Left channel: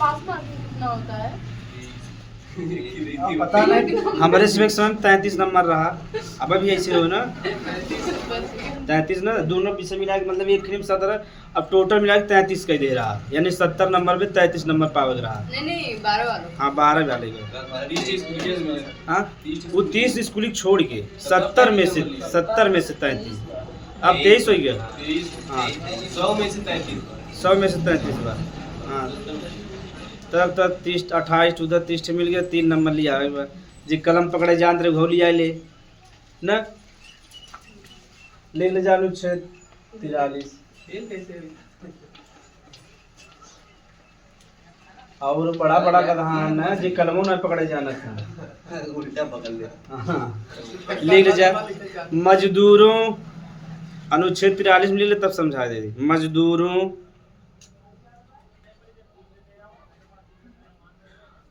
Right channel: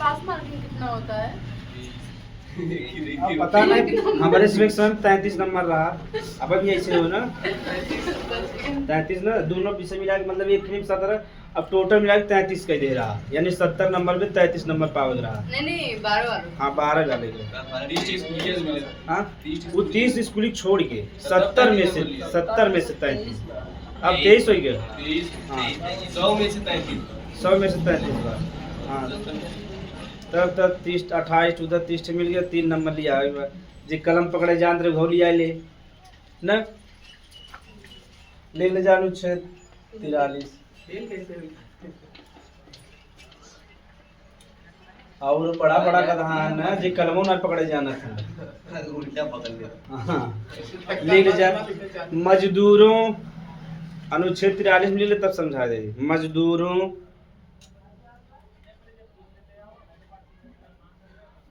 पास marking कितना होता है? अब पता नहीं, हमारे सिलेक्शन 33 नंबर रहा। अब भी ऐसे हो ना 33 ना, दोनों विषय मिला के मतलब एक फिल्म 17, अब टोटल मिला के 33 का ही दे रहा, यानी 70 नंबर में 33 नंबर पावज रहा। नहीं 12 वालों। हाँ 12 वाले को। हाँ वो 30 स्कूली छोड़ के 70 में से 33, अब 23 हो गया। हाँ 100 में से 33। 100 में से 33 बार। हाँ तब 30 28 उधर 30 मिल गया, 3 नंबर लिया जी। कलम पकड़े जान रहे घो लिया ले न, ले जानू 43 और बड़ा बड़ा कदहान है जी, कलमों ना पकड़े जाना था उल्टा पकड़ लिया। हाँ लिख जा मजदूरों, अनुच्छेद 43 में ले तब समझा दे। मजदूरों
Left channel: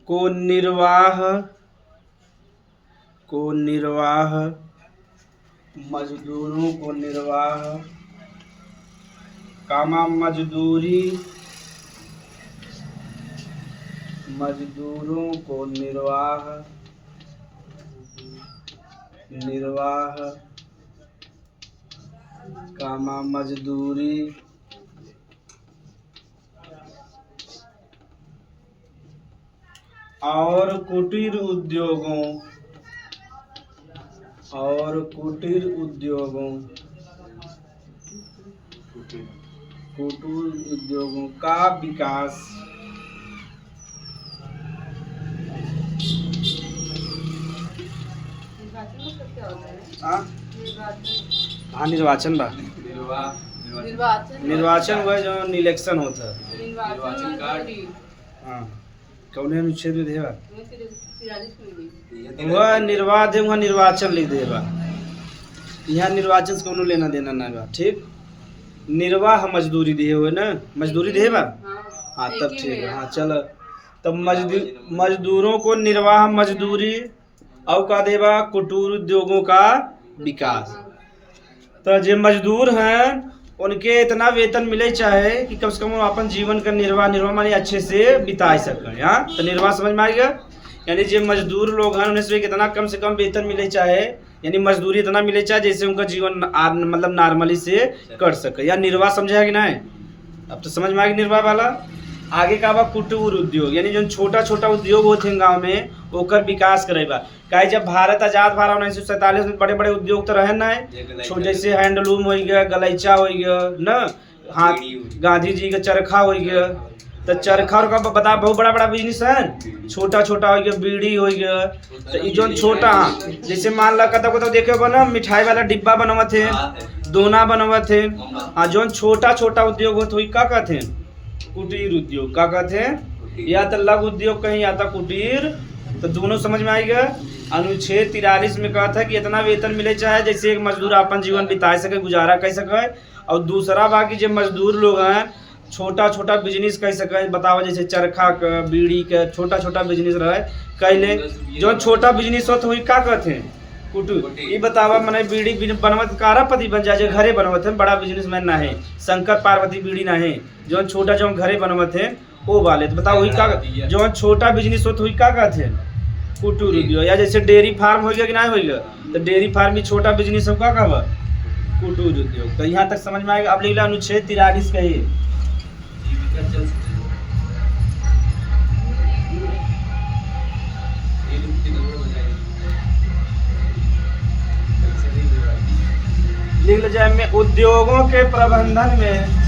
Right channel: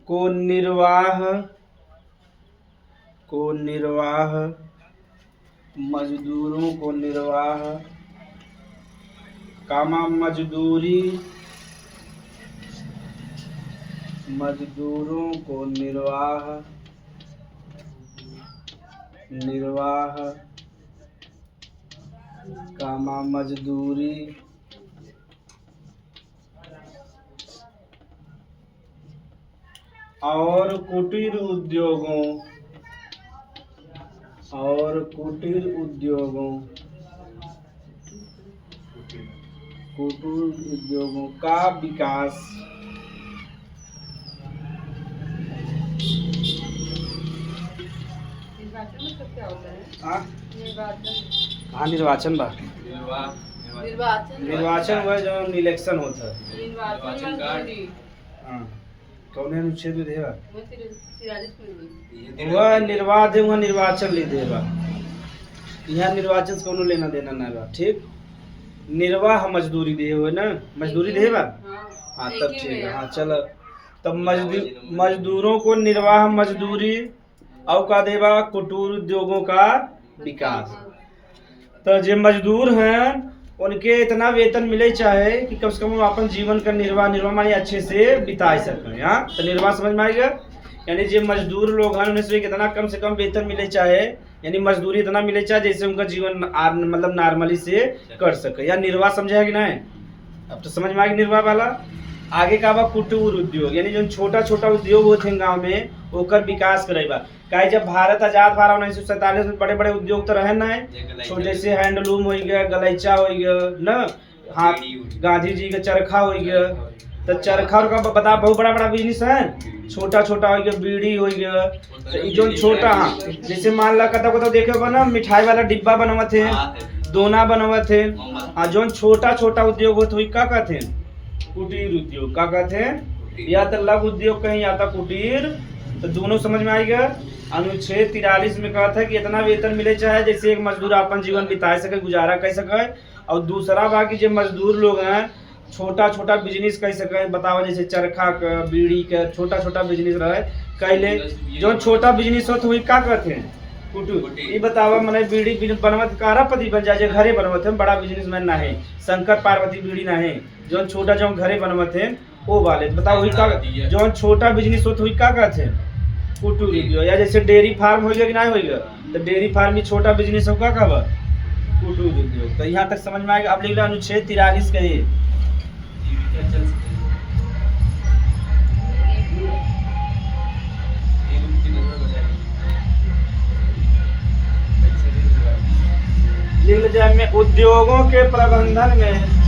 को निर्वाह मजदूरों को निर्वाह कामा मजदूरों को निर्वाह कामा मजदूरी और कुटीर उद्योगों का विकास क्या होता है? हाँ निर्वाचन बा। निर्वाचन वो जो इलेक्शन होता है। निर्वाचन कार्ड। हाँ कौन अनुच्छेद में देवा? 43 में वह निर्वाध है, वह निर्वाचन लिख देवा। यहाँ निर्वाचन से कोनो लेना देना ना बा। ठीक, निर्वाह मजदूरी दे हुए ना, मजदूरी दे बा। हाँ तब ठीक है। हाँ चलो तब मजदूरों को निर्वाह मजदूरी और का देवा कुटीर उद्योगों का विकास। तो जो मजदूर हैं उनके इतना वेतन मिले चाहे कि कम से कम वो अपन जीवन का निर्वाह माने अच्छे से बिता सकें। हाँ तो निर्वाह समझ में आएगा, यानी जो मजदूर लोग हैं उन्हें से कितना कम वेतन मिले चाहे, यानी मजदूरी इतना मिले चाहे जैसे उनका जीवन मतलब नॉर्मली से कर सके, या निर्वाह समझा कि नहीं? अब तो समझ में आएगा निर्वाह वाला। आगे का बा कुटीर उद्योग, यानी जो छोटा छोटा उद्योग होते हैं गाँव में ओकर विकास करेगा। काहे जब भारत आजाद भरा 1947 में बड़े बड़े उद्योग तो रहे ना, छोटे से हैंडलूम हो गया, गलैचा हो गया न, हाँ गांधी जी का चरखा हो गया। तो चरखा का बता बहुत बड़ा बड़ा बिजनेस है, छोटा छोटा हो गया बीड़ी हो गया। तो जो छोटा जैसे मान ला कता देखे बना मिठाई वाला डिब्बा बनवा थे, दोना बनवा थे। हाँ जो छोटा छोटा उद्योग होते का कहते हैं कुटीर उद्योग। का कहते हैं या तो लघु उद्योग कहीं या तो कुटीर। तो दोनों समझ में आएगा। अनुच्छेद 43 में कहा था कि इतना वेतन मिले चाहे जैसे एक मजदूर अपन जीवन बिता सके, गुजारा कर सके। और दूसरा बाकी जो मजदूर लोग हैं छोटा छोटा बिजनेस कर सके, बताओ जैसे चरखा का बीड़ी का छोटा छोटा बिजनेस रहे कैले। जो छोटा बिजनेस हो तो वही का कहते हैं कुटीर। ये बतावा मैंने बीड़ी बनवत कारापति बन जाए, घरे बनवत है, बड़ा बिजनेसमैन ना है, शंकर पार्वती बीड़ी ना है। जो छोटा जो घरे बनवत है वो वाले बताओ वही का, जो छोटा बिजनेस हो तो वही का कहते हैं कुटीर उद्योग। या जैसे डेयरी फार्म हो गया कि नहीं हो गया, तो डेयरी फार्म में छोटा बिजनेस होगा का कुटीर उद्योग। तो यहाँ तक समझ में आएगा। अब लिख लो अनुच्छेद 43 का ये लिख जाए में उद्योगों के प्रबंधन में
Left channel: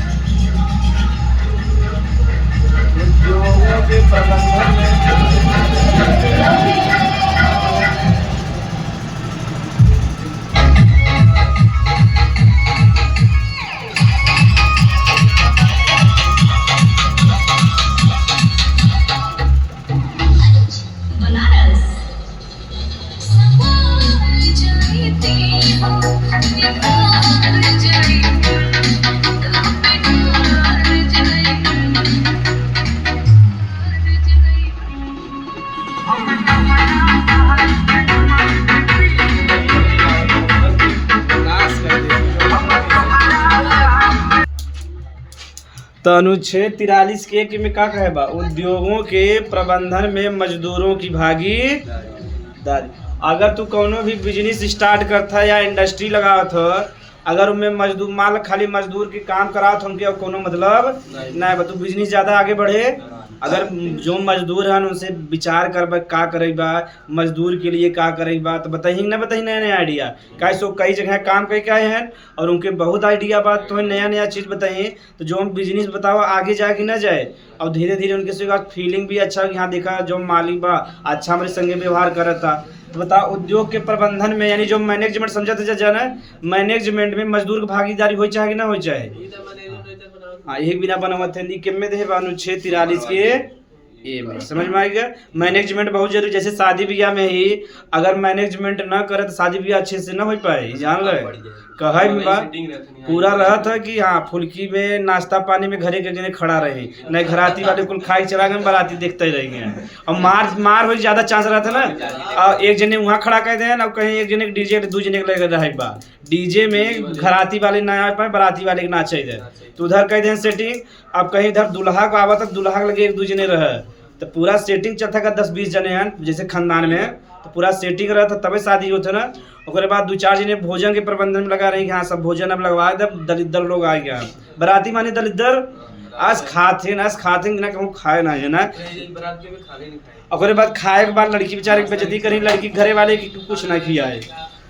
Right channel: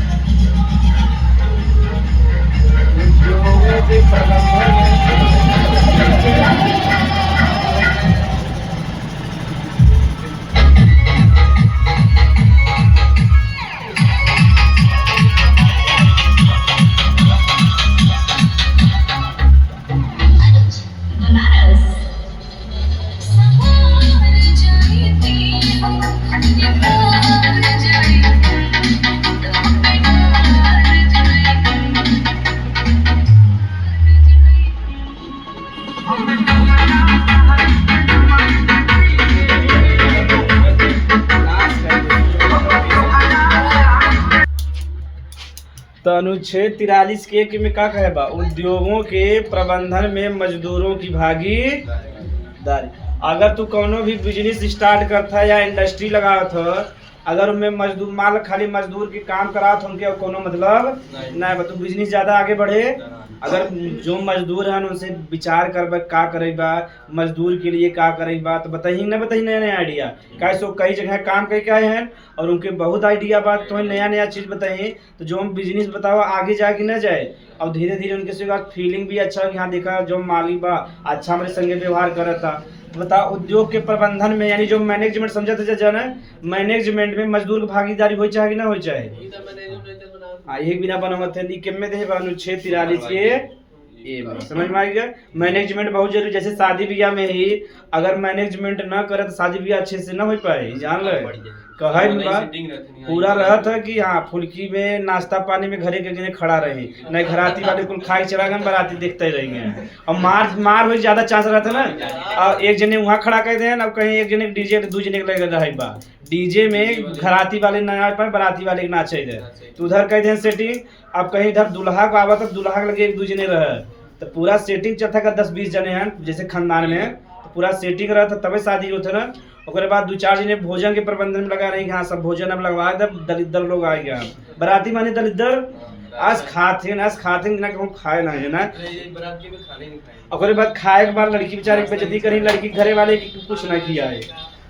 तो अनुच्छेद 43 के एक में का कहे बा, उद्योगों के प्रबंधन में मजदूरों की भागीदारी। अगर तू कोनो भी बिजनेस स्टार्ट करता या इंडस्ट्री लगावत हो, अगर उनमें मजदूर मान खाली मजदूर के काम करात उनके अब कोनो मतलब नहीं बा, तू बिजनेस ज़्यादा आगे बढ़े। अगर जो मजदूर हैं उनसे विचार कर का करे बा, मजदूर के लिए का करे बा, तो बताही ना बताही नया नया आइडिया का सो कई जगह काम कई क्या है और उनके बहुत आइडिया बात तो नया नया चीज़ बताइए, तो जो हम बिजनेस बताओ आगे जाके ना जाए और धीरे धीरे उनके से फीलिंग भी अच्छा यहाँ देखा जो मालिक बा अच्छा हमारे संगे व्यवहार कर था। तो बता उद्योग के प्रबंधन में यानी जो मैनेजमेंट समझा था जाना मैनेजमेंट में मजदूर की भागीदारी हो चाहे कि ना हो चाहे। हाँ एक बिना बना थे के में दे अनुच्छेद 43 के ए में समझ में आएगा। मैनेजमेंट बहुत जरूरी, जैसे शादी ब्याह में ही अगर मैनेजमेंट ना करे तो शादी ब्याह अच्छे से ना हो पाए। जान लो कहे पूरा रहा था कि हाँ फुल्की में नाश्ता पानी में घरे के जने खड़ा रहे नहीं घराती वाले कुल खाए चला गए बाराती देखते ही रहेंगे और मार हो ज्यादा चांस रहता ना। और एक जने वहाँ खड़ा कर दे और कहीं एक जने डीजे दू जने लगे रहे बा डीजे में घराती वाले ना आ पाए बाराती वाले के नाचे दे तो उधर कह दे सेटिंग। अब कहीं इधर दूल्हा को आवा तक दूल्हा लगे एक दू जने रहे तो पूरा सेटिंग चलता का 10-20 जने हैं जैसे खानदान में तो पूरा सेटिंग रहा था तभी शादी होता ना। उसके बाद 2-4 जने भोजन के प्रबंधन में लगा रही हाँ सब भोजन अब लगवा दे दलिद्र लोग आ गया बराती माने दलिद्र आज खाते ना कहूँ खाए ना है ना। और बाद खाए के बाद लड़की बेचारे बेइज्जती करी लड़की घरे वाले की कुछ ना किया है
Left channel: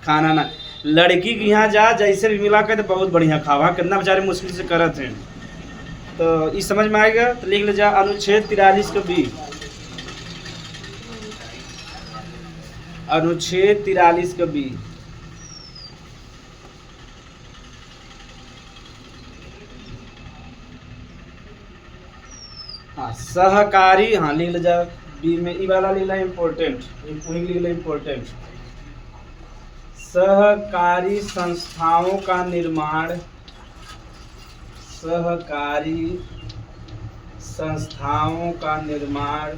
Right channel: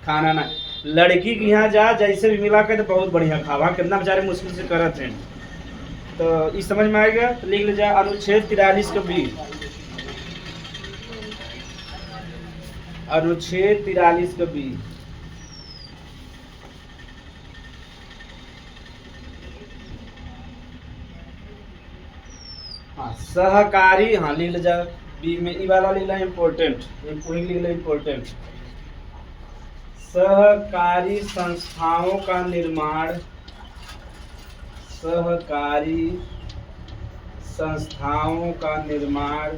खाना ना लड़की के यहाँ जा जैसे भी मिला कर तो बहुत बढ़िया खावा कितना बेचारे मुश्किल से करत हैं। तो इस समझ में आएगा तो लिख ले जा अनुच्छेद 43 को भी अनुच्छेद 43 का बी हाँ सहकारी हाँ लिख ले जा बी में ई वाला लिख ला इम्पोर्टेंट लिख ला इम्पोर्टेंट सहकारी संस्थाओं का निर्माण सहकारी संस्थाओं का निर्माण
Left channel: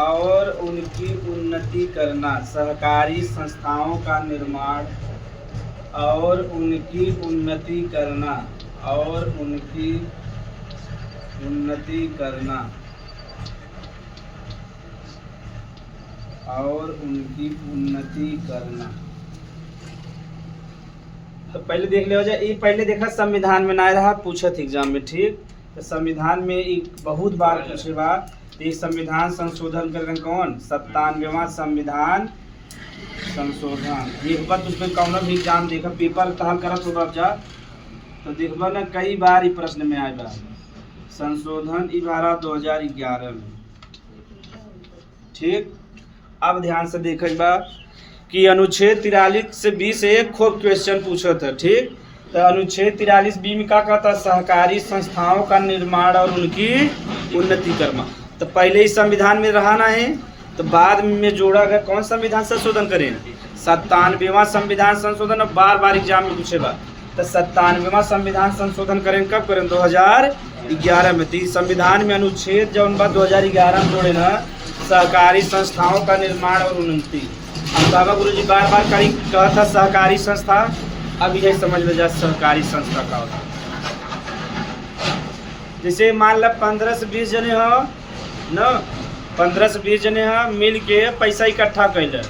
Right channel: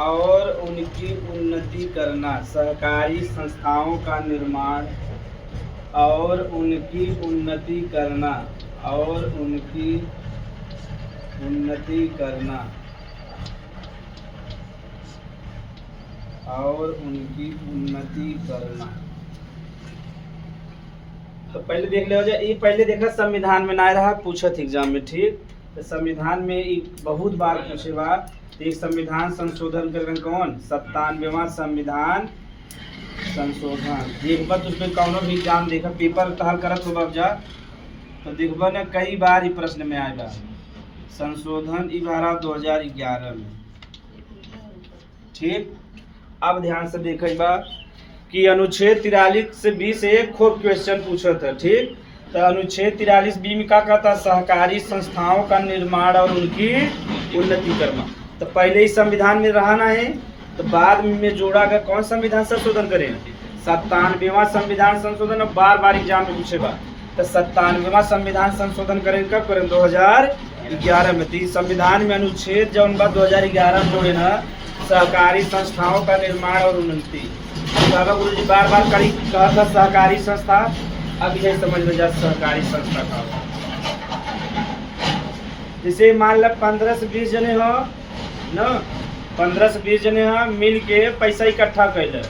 और उनकी उन्नति करना सहकारी संस्थाओं का निर्माण और उनकी उन्नति करना और उनकी उन्नति करना और उनकी उन्नति करना। तो पहले देख ले जाए ये पहले देखा संविधान में ना रहा पूछत एग्जाम में ठीक। तो संविधान में एक बहुत बार पूछे बात तो एक संविधान संशोधन कर कौन 97वां संविधान संशोधन एक बार तुझको कौन भी एग्जाम देखा पेपर तहल करत हो जा तो देखबा ना कई बार ये प्रश्न में आएगा संशोधन 2011 में ठीक। अब ध्यान से देखा कि अनुच्छेद 43 से 20 से एक खूब क्वेश्चन पूछा था ठीक। तो अनुच्छेद 43 बी में क्या कहता सहकारी संस्थाओं का निर्माण और उनकी उन्नति करना। तो पहले ही संविधान में रहा ना है तो बाद में जोड़ा गया कौन संविधान संशोधन करें 97वां संविधान संशोधन और बार बार एग्जाम में पूछेगा। तो 97वां संविधान संशोधन करें कब करें 2011 में। तो संविधान में अनुच्छेद जब 2011 में जोड़े ना सहकारी संस्थाओं का निर्माण और उन्नति। बाबा गुरुजी बार बार कहीं कहा था सहकारी संस्था अब यह समझ लो जा सहकारी संस्था का जैसे मान लो 15 से 20 जने हो न 15 से 20 जने हो मिल के पैसा इकट्ठा कर दे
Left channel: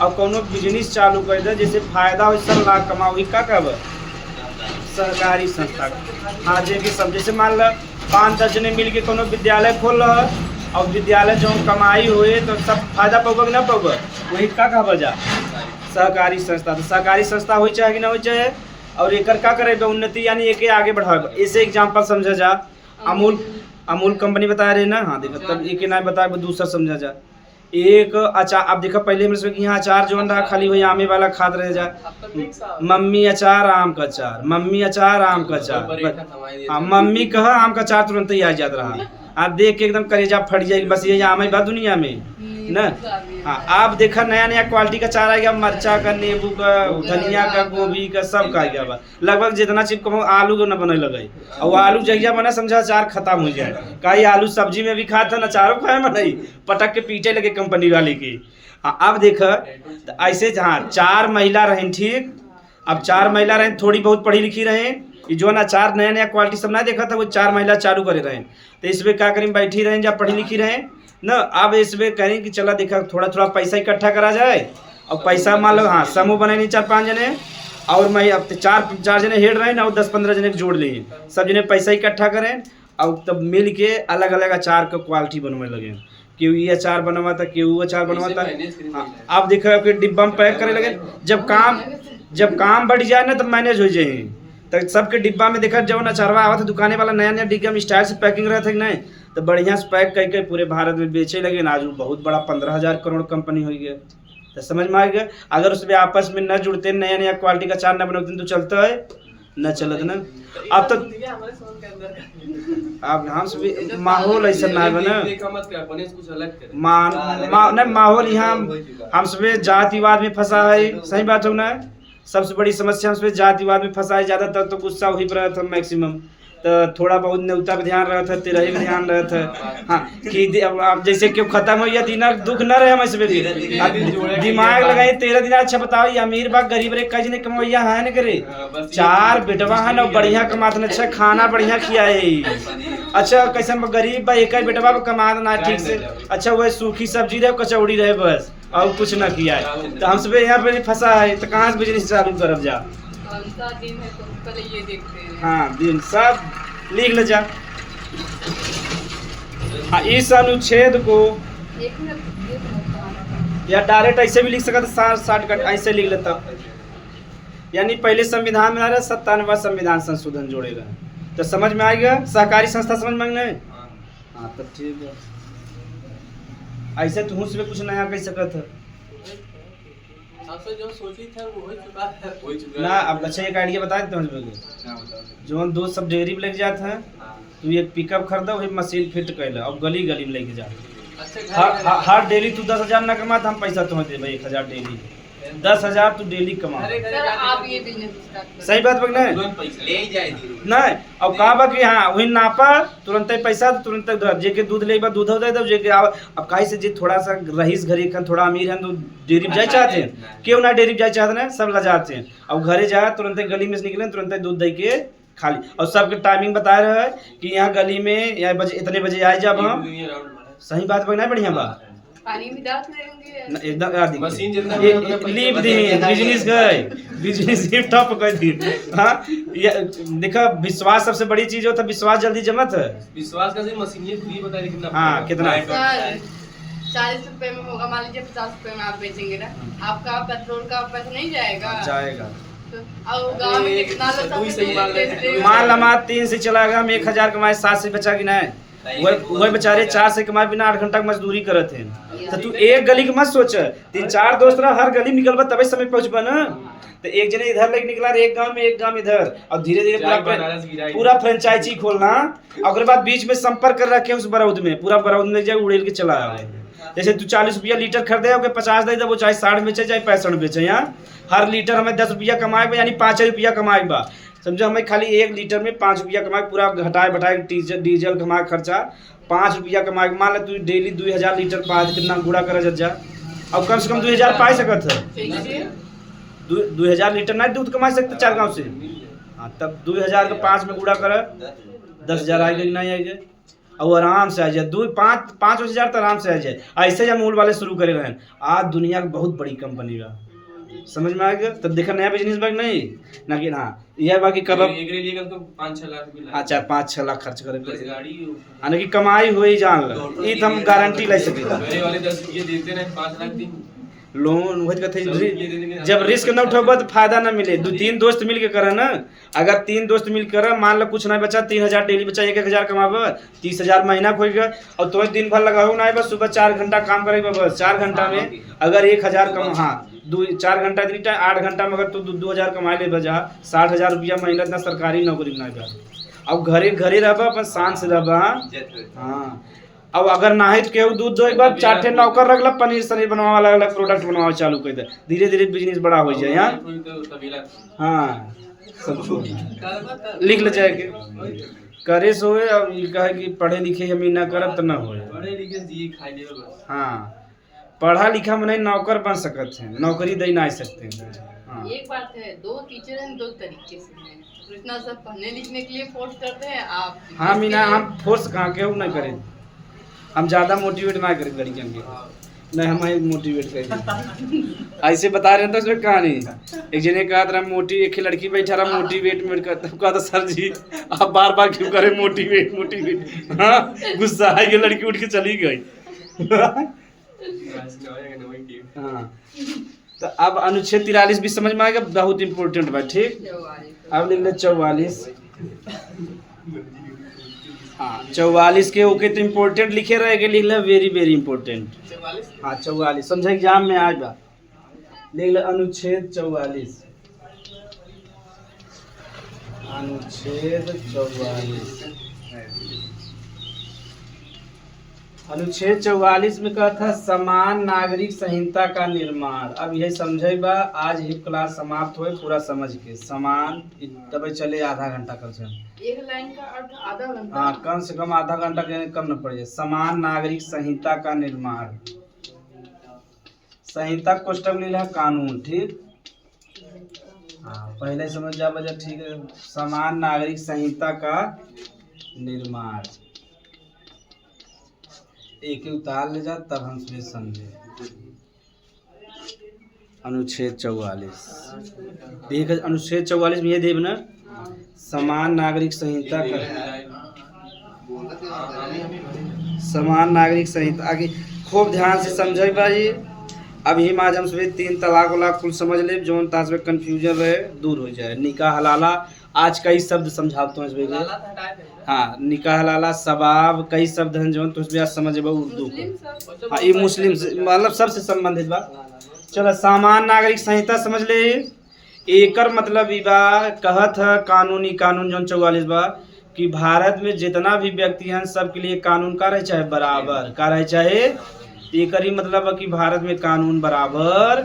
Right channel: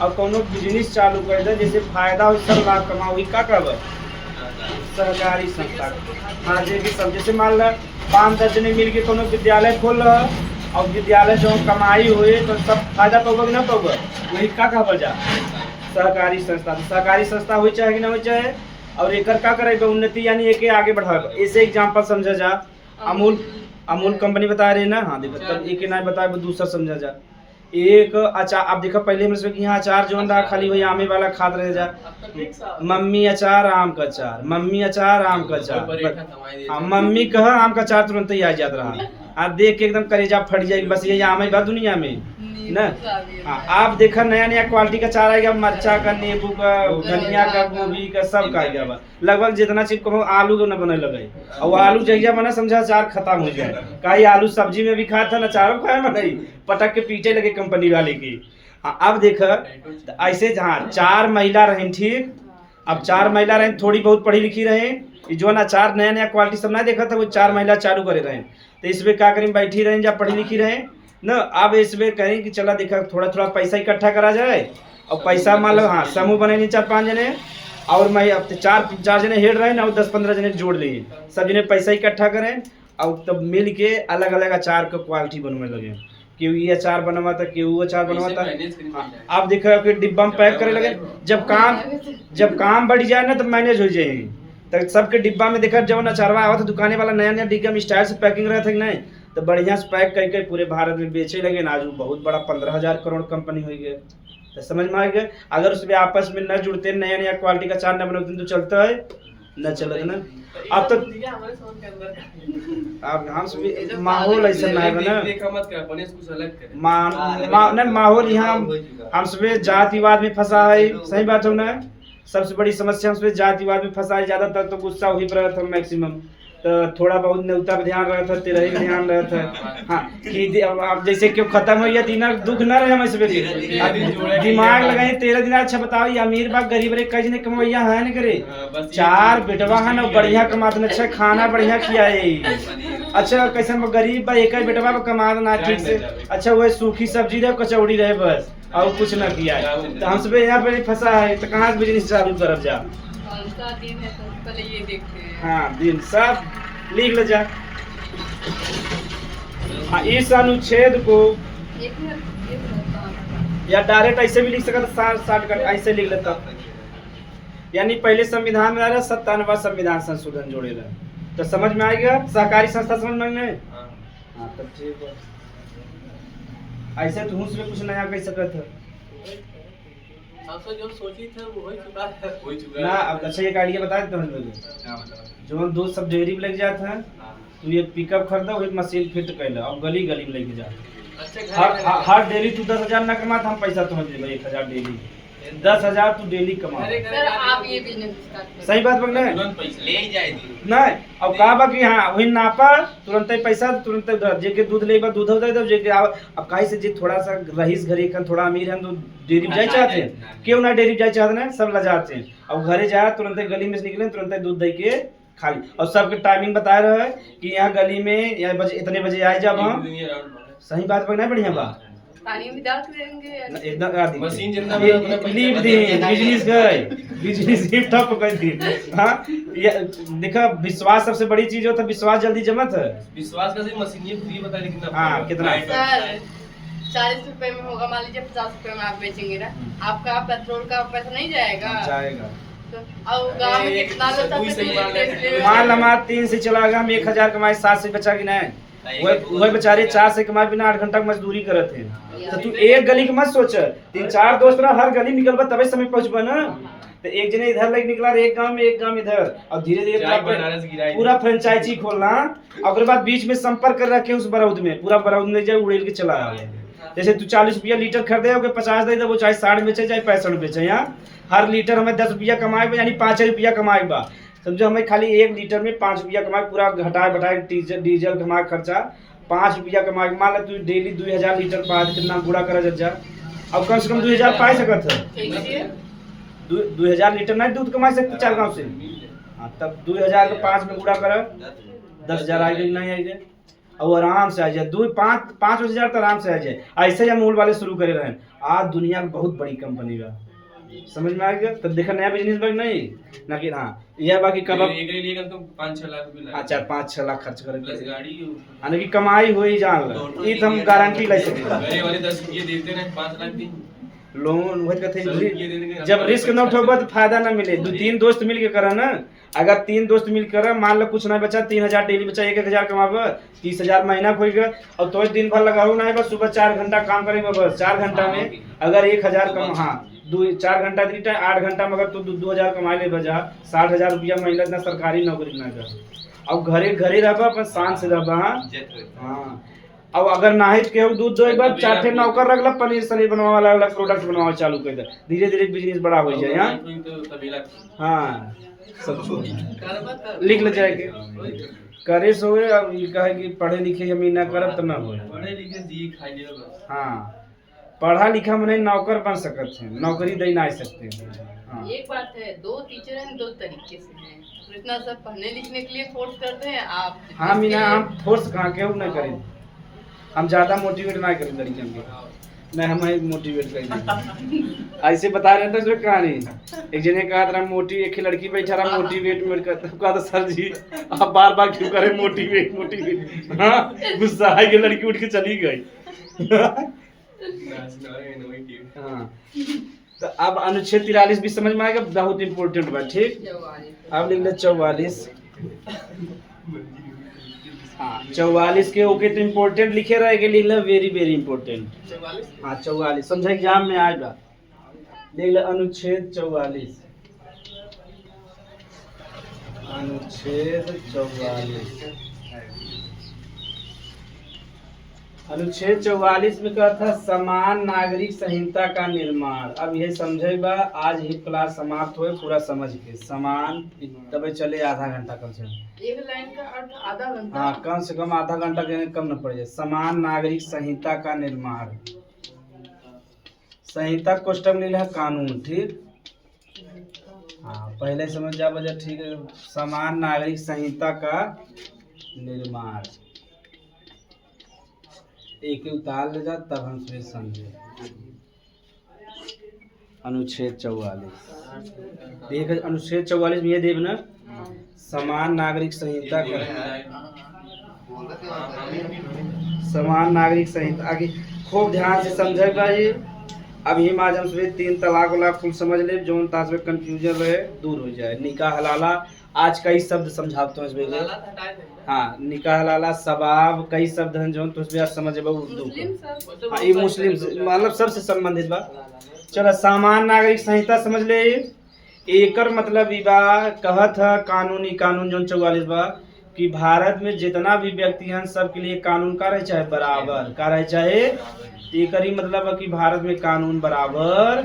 और कोनो बिजनेस चालू कर दे जैसे फायदा हो सब लाभ कमाओ का कहब सहकारी संस्था। हाँ जैसे सब जैसे मान लो 5-10 जने मिल के कोनो विद्यालय खोल रहा और विद्यालय जो कमाई हुए तो सब फायदा पाओगे कि ना पाओगे वही का कहब जा सहकारी संस्था। तो सहकारी संस्था हो चाहे कि ना हो चाहे और एक का करेगा उन्नति यानी एक आगे बढ़ाएगा। ऐसे एग्जाम्पल समझा जा अमूल कंपनी बता रही ना हाँ देखो तब एक ना बताए दूसरा समझा जा एक अचार। अब देखो पहले में यहाँ अचार जो रहा खाली वही आमे वाला खाद रह जा मम्मी अचार आम का अचार मम्मी अचार आम का अचार हाँ मम्मी कहा आम का अचार तुरंत ही आ जाता रहा आप देख के एकदम कलेजा फट जाएगी बस ये आम है दुनिया में ना। हाँ आप देखा नया नया क्वालिटी का चारा आएगा मरचा का नींबू का धनिया का गोभी का सब का आएगा लगभग जितना चीज कहो आलू को न बने लगे और आलू जहिया बना समझा अचार खत्म हो जाए कहीं आलू सब्जी में भी खाता ना चारों खाए में नहीं पटक के पीछे लगे कंपनी वाले की हाँ अब देख तो ऐसे हाँ 4 महिला रहें ठीक। अब 4 महिला रहें थोड़ी बहुत पढ़ी लिखी रहें ये जो ना 4 नया नया क्वालिटी सब ना देखा था वो 4 महिला चालू करे रहें तो इसमें क्या करें बैठी रहें या पढ़ी लिखी रहें न। अब इसमें करें कि चला देखा थोड़ा थोड़ा पैसा इकट्ठा करा जाए और पैसा मान लो हाँ समूह बने नहीं 4-5 जने और मैं अब 4 जने हेड रहे ना और 10-15 जने जोड़ लिए सब जने पैसा इकट्ठा करें और तब मिल के अलग अलग अचार का क्वालिटी बनने लगे। क्यों ये अचार बनवा था क्यों वो अचार बनवा था। अब देखो फिर डिब्बा में पैक करे लगे जब काम बढ़ जाए ना तब मैनेज हो जाए तो सबके डिब्बा में देखा जब अचारवा आवा था दुकाने वाला नया नया डिब्बा में स्टाइल से पैकिंग रहा था नहीं तो बढ़िया से पैक करके पूरे भारत में बेचे लगे ना। आज बहुत बड़ा 15,000 करोड़ कंपनी हो गया तो समझ में आ गया। अगर उसमें आपस में न जुड़ते नया नया क्वालिटी का अचार न बनाते तो चलता है न चलत ना। अब तो अब हम माहौल ऐसा ना बना माहौल यहाँ हम सब जातिवाद में फंसा है। सही बात हो ना। सबसे बड़ी समस्या हम सब जातिवाद में फंसा है। ज्यादातर तो गुस्सा वही पर रहता मैक्सिमम तो थोड़ा बहुत न्योता पे ध्यान रहा था तेरा ही ध्यान रहा था हाँ कि अब जैसे क्यों खत्म हो गया तीना दुख न रहे हम इसमें दिमाग लगाए 13 दिन। अच्छा बताओ ये अमीर बाग गरीब रे कई जने कमैया है न करे 4 बेटवा है ना बढ़िया कमाते अच्छा खाना बढ़िया खियाए। अच्छा कैसे गरीब बा एक बेटवा कमा ना ठीक से अच्छा वह सूखी सब्जी रहे कचौड़ी रहे बस और कुछ ना किया तो हम सब यहाँ पे फंसा है तो कहाँ से बिजनेस चालू करब जा। दिन है तो पहले ये देखते हैं। हाँ दिन सब लिख ले जा। हाँ इस अनुच्छेद को या डायरेक्ट ऐसे भी लिख सकता 60 ऐसे लिख लेता यानी पहले संविधान में आ रहा 97वां संविधान संशोधन जोड़े रहे तो समझ में आएगा। सहकारी संस्था समझ में नहीं हाँ तब ठीक है। ऐसे तो उसमें कुछ नया कह सकता था जो सोची था वो हो चुका ना। अब अच्छा एक आइडिया बता देता हूँ जो दो सब डेयरी में लग जाता है तो ये पिकअप खरीदा वही मशीन फिट कर ला अब गली गली में लेके जा हर डेली तू 10,000 ना कमा हम पैसा तुम्हें दे 1,000 डेली 10,000 तू डेली कमा। सर आप ये बिजनेस सही बात बगना ले ही जाए नहीं अब कहा बा कि हाँ वही नापा तुरंत पैसा तुरंत जे के दूध ले दूध दे दो जे के अब काहे से जे थोड़ा सा रईस घरे का थोड़ा अमीर है तो डेयरी जाए चाहते हैं क्यों ना डेयरी जाए चाहते हैं सब ला जाते हैं। अब घरे जाए तुरंत गली में से निकले तुरंत दूध दे के खाली और सबके टाइमिंग बता रहे हैं कि यहाँ गली में या बजे इतने बजे आए जब हम सही बात बगना बढ़िया बात पानी भी डाल देंगे एकदम मशीन जितना लीव दी बिजनेस गए बिजनेस ही ठप कर दी। हाँ ये देखा विश्वास सबसे बड़ी चीज होता है विश्वास जल्दी जमा था विश्वास का सिर्फ मशीन ये फ्री बता लेकिन हाँ कितना 40 रुपए में होगा मान लीजिए 50 रुपए में आप बेचेंगे ना आपका पेट्रोल का पैसा नहीं जाएगा तो और गाँव में कितना मान लमा 3 से चलाएगा हम 1,000 कमाए 7 से बचा कि नहीं वही बेचारे 4 से कमाए बिना 8 घंटा मजदूरी करत हैं तो तू एक गली के मत सोच 3-4 दोस्त रह हर गली निकलबा तबे समय पहुंचबा ना। तो एक जने इधर लग निकला एक गांव इधर और धीरे धीरे पूरा फ्रेंचाइजी खोलना और बाद बीच में संपर्क कर रखे उस बरौद में पूरा बरौद में जाए उड़ेल के चला आ जैसे तू 40 रुपया लीटर खरीदे हो 50 दे वो चाहे 60 बेचे चाहे 65 बेचे। यहाँ हर लीटर हमें 10 रुपया कमाए यानी 5 रुपया कमाए बा समझो हमें खाली 1 लीटर में 5 रुपया कमाए पूरा घटाए बढ़ाए डीजल कमा खर्चा 5 रुपया कमाए मान ले तू डेली 2000 लीटर बाद कितना गुड़ा कर जा और कम से कम 2000 पाई सकत है 2000 लीटर नहीं दूध कमा सकते 4 गाँव से। हाँ तब 2000 के 5 में गुड़ा कर 10,000 आएगा नहीं आएगा और आराम से आ जाए 5,000 तो आराम से आ जाए। ऐसे ही मूल वाले शुरू करे रहे आज दुनिया की बहुत बड़ी कंपनी का समझ में आ गया। तब देखा नया बिजनेस बैग नहीं ना कि हाँ यह बाकी कब 5-6 लाख हाँ 4-5-6 लाख खर्च करे गाड़ी की कमाई हुई जान ये तो हम गारंटी ले सके वाले 10 रुपये देते रहे 5 लाख दिन लोन वही कहते जब रिस्क न उठेबा तो फायदा ना मिले 2-3 दोस्त मिल के करा ना। अगर 3 दोस्त मिल कर मान लो कुछ ना बचा 3,000 डेली बचा 1,000 कमाबा 30,000 महीना खोई गया और तो दिन भर लगाओ ना बस सुबह 4 घंटा काम करेगा बस 4 घंटा में अगर 1,000 कम हाँ 4 घंटा 8 घंटा में अगर तू 2,000 कमा ले बजा 60,000 रुपया महीना इतना सरकारी नौकरी ना कर अब घरे रहबा अपन शान से रहबा। हाँ अब अगर ना है तो केहू दूध दो एक बार 4 ठे नौकर रख ला पनीर सनीर बनवा अलग अलग प्रोडक्ट बनवा चालू कर दे धीरे धीरे बिजनेस बड़ा हो जाए। हाँ सब लिख ले जाए के करे सोए अब ये कहे कि पढ़े लिखे हम ना करब तो ना हो पढ़े लिखे जी खाई ले बस। हाँ पढ़ा लिखा मने नौकर बन सकते हैं, नौकरी दे ना सकते हैं। हाँ। एक बात है, दो टीचर हैं, दो तरीके से हैं। तो इतना सब पढ़ने लिखने के लिए फोर्स करते हैं आप। हाँ मीना, हम फोर्स कहाँ के ना करें, हम ज्यादा मोटिवेट ना करें लड़कियों के, नहीं हम मोटिवेट करें। ऐसे बता रहे हैं तो इसमें कहानी, एक जने कहा था एक लड़की बैठा रहा मोटिवेट करता, कहा था सर जी आप बार बार क्यों करें मोटिवेट मोटिवेट। हाँ गुस्सा आई, लड़की उठ के चली गई। हाँ तो अब अनुच्छेद 43 भी समझ में आएगा, बहुत इंपॉर्टेंट बात। ठीक, अब लिख ले 44। हाँ 44 के ओके तो इम्पोर्टेंट लिखे रहेगा, लिख ले वेरी वेरी इंपॉर्टेंट। हाँ 44 समझे एग्जाम में आएगा, लिख ले अनुच्छेद 44। अनुच्छेद 44, अनुच्छेद 44 में कहा था समान नागरिक संहिता का निर्माण। अब यही समझेगा, आज ही क्लास समाप्त हुए पूरा समझ के। समान तब चले आधा घंटा कम से कम, एक लाइन का अर्थ आधा घंटा। हाँ कम से कम आधा घंटा के कम न पड़ जाए। समान नागरिक संहिता का निर्माण, संहिता कोष्टक में लिखा कानून। ठीक, हाँ पहले समझ जा बजा, ठीक है। समान नागरिक संहिता का निर्माण, एक ही उतार ले जा तब हम फिर समझे। अनुच्छेद 44 देख, अनुच्छेद 44 में ये देव ना, समान नागरिक संहिता का, समान नागरिक संहिता आगे खूब ध्यान से समझे भाई। अब ही आज हम सभी 3 तलाक वाला कुल समझ ले, जो तास में कंफ्यूजन रहे दूर हो जाए। निकाह हलाला, आज कई शब्द समझाता हूँ इसमें। हाँ निकाह हलाला, सबाब, कई शब्द हैं जो तो उसमें समझ उर्दू को। हाँ ये मुस्लिम मतलब सबसे संबंधित बात। चलो सामान्य नागरिक संहिता समझ ले, एकर मतलब ई बा कहत है कानूनी कानून जो 44 बा कि भारत में जितना भी व्यक्ति हैं सबके लिए कानून का रहे चाहे बराबर का रहे चाहे। एकर ही मतलब है कि भारत में कानून बराबर,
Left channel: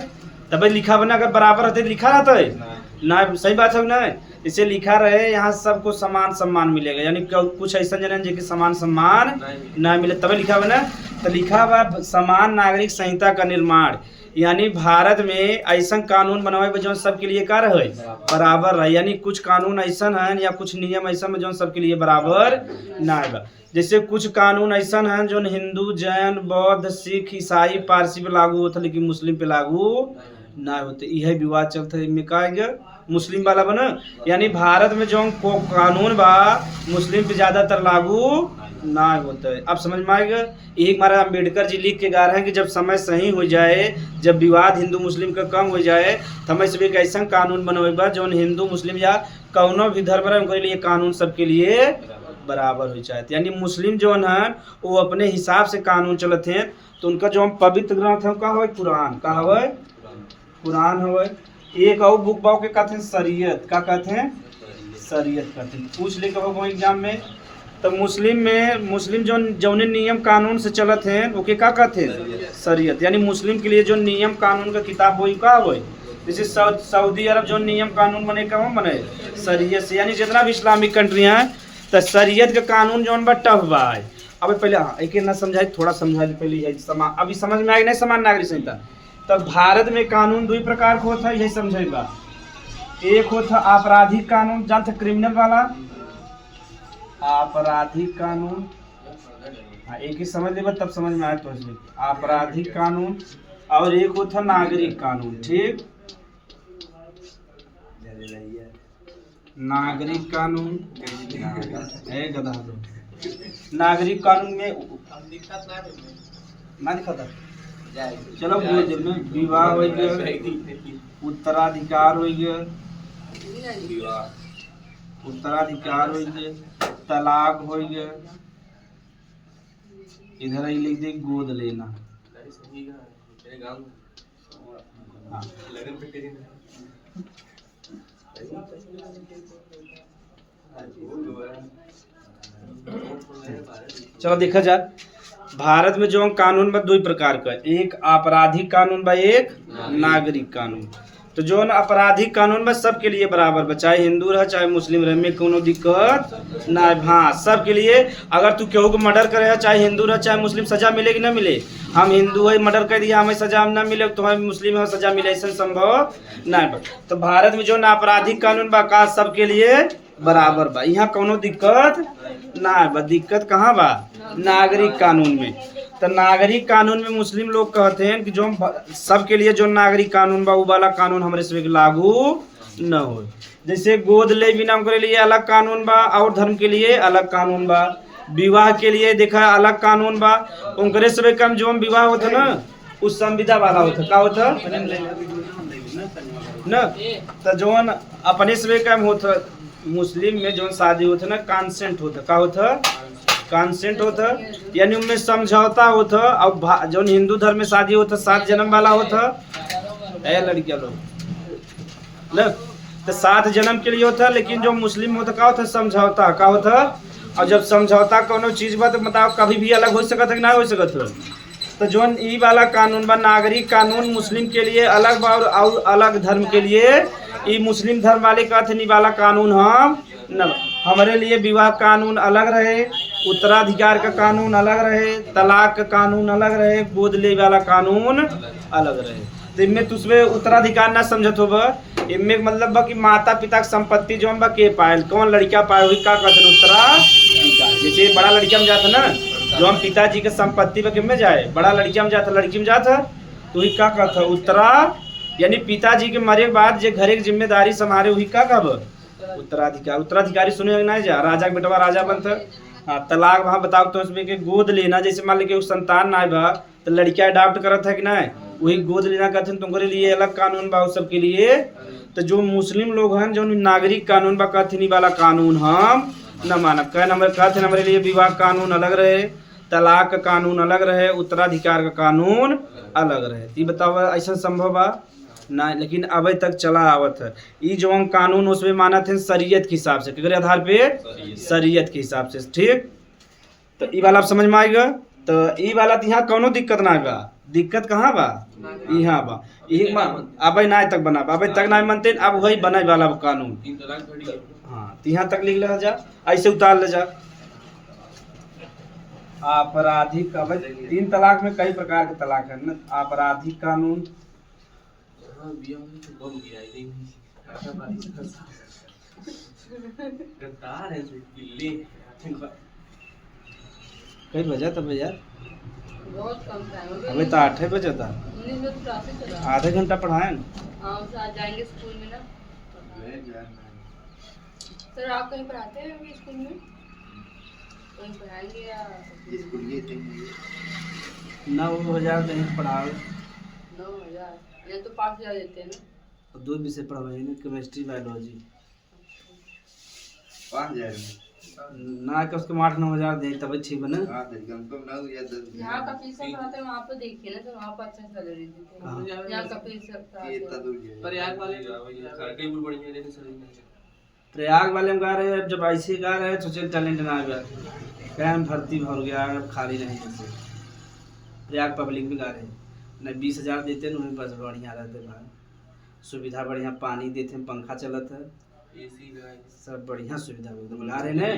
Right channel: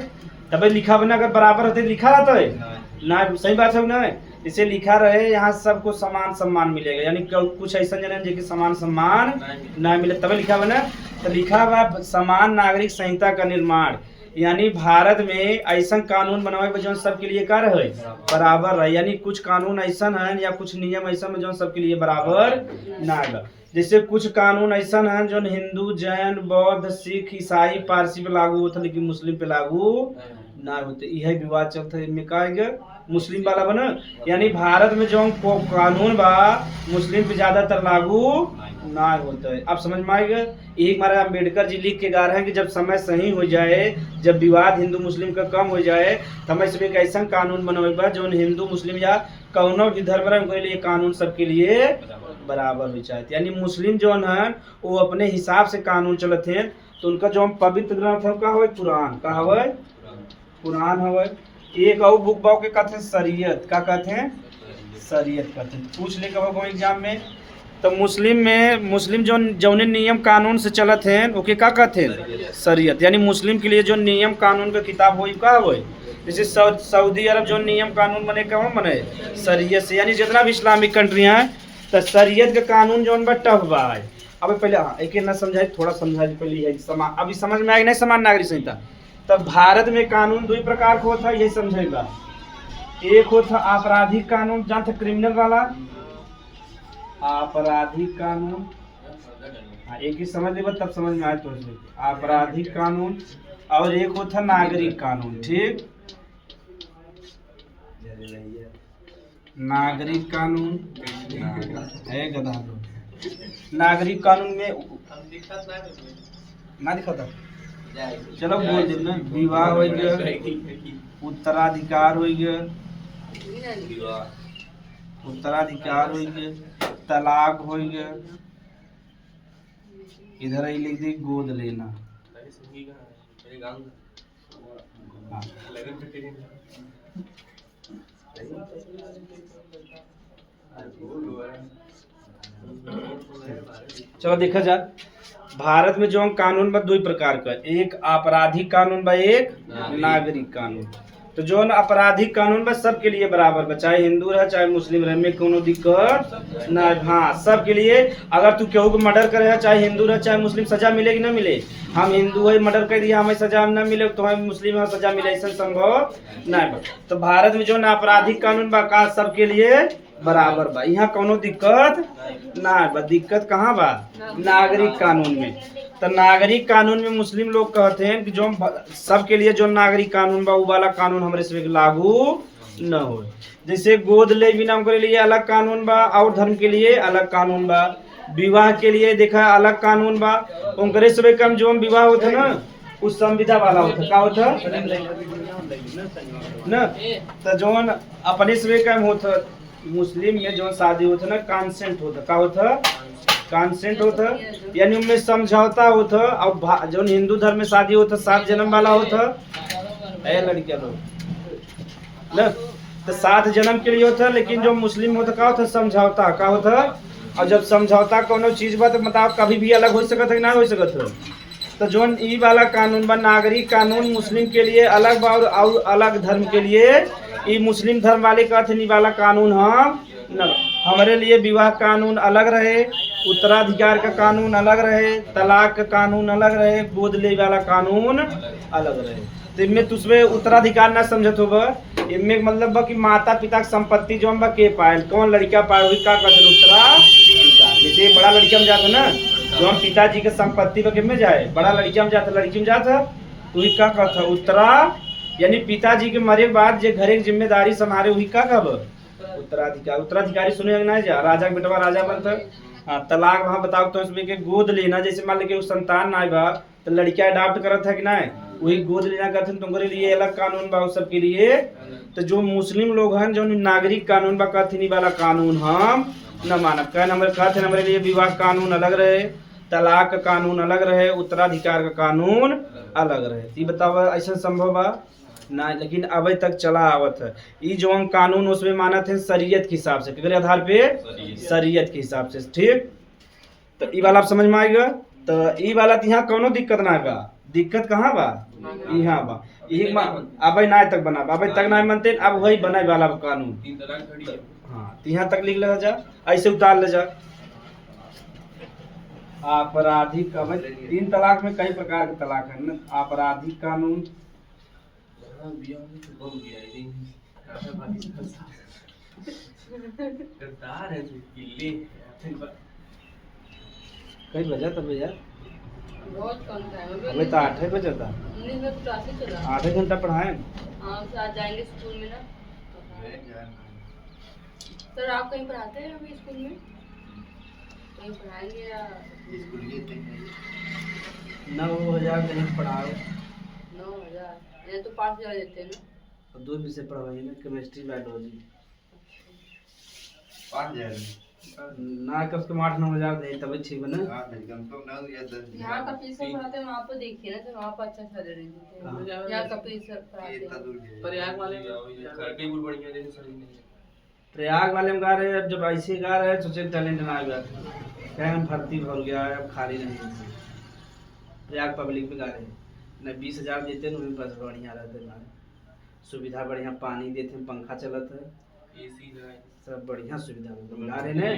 तब लिखा बना अगर बराबर रहते लिखा रहता है ना, सही बात है ना। इसे लिखा रहे यहाँ सबको समान सम्मान मिलेगा, यानी कुछ ऐसा जन जो कि समान सम्मान ना मिले तब लिखा बना। तो लिखा हुआ समान नागरिक संहिता का निर्माण, यानी भारत में ऐसा कानून बनावे जो सबके लिए का रहे बराबर रहे, यानी कुछ कानून ऐसा है या कुछ नियम ऐसा है जो सबके लिए बराबर ना है। जैसे कुछ कानून ऐसा है जो हिंदू, जैन, बौद्ध, सिख, ईसाई, पारसी पे लागू होता लेकिन मुस्लिम पे लागू ना होते। यह विवाद चलता है, में कहा गया मुस्लिम वाला बना, यानी भारत में जो कानून बा मुस्लिम पे ज्यादातर लागू ना होता है। अब समझ में आएगा। एक बार अम्बेडकर जी लिख के गा रहे हैं कि जब समय सही हो जाए, जब विवाद हिंदू मुस्लिम का कम हो जाए, तो हमें सब एक ऐसा कानून बनवेगा जो हिंदू मुस्लिम या कौनो भी धर्म के लिए कानून सबके लिए बराबर हो जाए। यानी मुस्लिम जो है वो अपने हिसाब से कानून चलते हैं, तो उनका जो पवित्र ग्रंथ है का हो कुरान, का हो कुरान हो। एक और बुक बाव के कहते हैं शरीयत, का कहते हैं शरीयत कहते हैं। पूछ ले कब एग्जाम में, तो मुस्लिम में मुस्लिम जो जौने नियम कानून से चलत हैं ओके का कहते हैं शरीयत। यानी मुस्लिम के लिए जो नियम कानून का किताब हो का हो, जैसे सऊदी अरब जो नियम कानून बने का बने शरीयत से। यानी जितना भी इस्लामिक कंट्री हैं तो शरीयत का कानून जो बा टफ बा। अब पहले हाँ एक ना समझाई, थोड़ा समझाई पहले अभी समझ में आएगी नहीं समान नागरिक संहिता। तब भारत में कानून 2 प्रकार का होता है, यही समझेगा। एक होता आपराधिक कानून, जानते क्रिमिनल वाला आपराधिक कानून, हाँ एक ही समझ लेगा तब समझ में आए तो आपराधिक कानून। और एक होता नागरिक कानून। ठीक, नागरिक कानून है गधा। नागरिक कानून में ना दिखा, चलो बोल दे, विवाह हो गया, उत्तराधिकार हो गया, उत्तराधिकार हो गया, तलाक हो गया। इधर ही लिख दे गोद लेना। हाँ। चलो देखा जाए भारत में जो कानून बा 2 प्रकार का, एक आपराधिक कानून बा, एक नागरिक कानून। तो जो आपराधिक कानून बा सबके लिए बराबर बा, चाहे हिंदू रहे चाहे मुस्लिम रहे, में कोनो दिक्कत ना। हाँ सबके लिए, अगर तू केहू को मर्डर करे चाहे हिंदू रहे चाहे मुस्लिम, सजा मिलेगी ना मिले। हम हिंदू है मर्डर कर दिया हमें सजा ना मिले, तुम्हें मुस्लिम है सजा मिले, ऐसा संभव नहीं बा। तो भारत में जो ना आपराधिक कानून बा का सबके लिए बराबर बा, यहाँ कोनो दिक्कत ना बा। दिक्कत कहाँ बा? नागरिक कानून में। तो नागरिक कानून में मुस्लिम लोग कहते हैं कि जो सबके लिए जो नागरिक कानून बा वो वाला कानून हमारे से लागू न हो। जैसे गोद ले बिना के लिए अलग कानून बा, और धर्म के लिए अलग कानून बा, विवाह के लिए देखा अलग कानून बा। उनके से कम जो विवाह होता ना उस संविदा वाला होता का होता न, तो जो अपने से कम होता मुस्लिम में जो शादी होता ना कंसेंट होता का होता, कंसेंट होता यानी उनमें समझौता होता। और जो हिंदू धर्म में शादी होता 7 जन्म वाला होता लड़कियां लोग न, तो 7 जन्म के लिए होता। लेकिन जो मुस्लिम होता का होता समझौता का होता। और जब समझौता कोनो चीज बा तो मतलब कभी भी अलग हो सकता है कि ना हो सकता है। तो जो ई वाला कानून बा नागरिक कानून मुस्लिम के लिए अलग बा, और अलग धर्म के लिए ई मुस्लिम धर्म वाले का थे वाला कानून हम न। हमारे लिए विवाह कानून अलग रहे, उत्तराधिकार का कानून अलग रहे, तलाक का कानून अलग रहे, गोद ले वाला कानून अलग रहे। तो इनमें तुझमें उत्तराधिकार ना समझत होगा, इनमें मतलब बा कि माता पिता की संपत्ति जो बा के पाए, कौन लड़का पाए वही का कहते उत्तराधिकार। जैसे बड़ा लड़का में जाता ना जो हम पिताजी के संपत्ति पे में जाए, बड़ा लड़किया में जाता लड़की में जाता तो वही का कहता उत्तरा, यानी पिताजी के मरे के बाद जो घर की जिम्मेदारी संभाले वही का कब उत्तराधिकार। उत्तराधिकारी सुने नहीं जा, राजा के बेटवा राजा बनता। हाँ तलाक वहाँ बताओ तो उसमें के गोद लेना, जैसे मान लीजिए संतान ना बा तो लड़कियां अडॉप्ट करत है कि नहीं, वही गोद लेना कहते हैं तुम्हारे लिए अलग कानून बा सबके लिए। तो जो मुस्लिम लोग हैं जो नागरिक कानून बा कहते वाला कानून हम न मानब। कह नंबर कहते हमारे लिए विवाह कानून अलग रहे, तलाक का कानून अलग रहे, उत्तराधिकार का कानून अलग रहे। ये बताओ ऐसा संभव बा ना, लेकिन अभी तक चला आवत है। ये जो हम कानून उसमें माना थे शरीयत के हिसाब से, किसके आधार पे? शरीयत के हिसाब से। ठीक, तो ये वाला आप समझ में आएगा। तो ये वाला तो यहाँ कोनो दिक्कत ना बा। दिक्कत कहाँ बा? यहाँ बा। यही अब ना तक बना, अब तक ना मानते, अब वही बना वाला कानून। हाँ तो यहाँ तक लिख ले जा, ऐसे उतार ले जा। आपराधिक, अब 3 तलाक में कई प्रकार के तलाक है ना। आपराधिक कानून कई बजा तब यार बहुत कम टाइम अभी तो 8 बजे था, 19 चला आधे घंटा पढ़ाए। हाँ आज जाएंगे स्कूल में ना। सर आप कहीं पढ़ाते हैं अभी स्कूल में? कहीं पढ़ाएंगे या 9,000 नहीं पढ़ाओ। 9,000 ये तो 5,000 देते हैं ना। तो 2 विषय पढ़वाइए ना, केमिस्ट्री बायोलॉजी। 5,000 ना कि उसके 8-9,000 दे तब ठीक है ना। यहाँ का फीस पढ़ाते हैं वहाँ पे देखिए ना, तो वहाँ पर अच्छा सैलरी देते हैं। यहाँ का फीस प्रयाग वाले खड़गपुर बढ़िया देने सही नहीं। प्रयाग वाले में गा रहे हैं, जब ऐसे गा रहे हैं सोचे टैलेंट ना आ गया, क्या भर्ती भर गया है खाली नहीं है। प्रयाग पब्लिक में गा रहे हैं न, 20,000 देते हैं, बस बढ़िया रहते हैं, सुविधा बढ़िया, पानी देते हैं, पंखा चलत है, एसी सब बढ़िया सुविधा गा रहे हैं।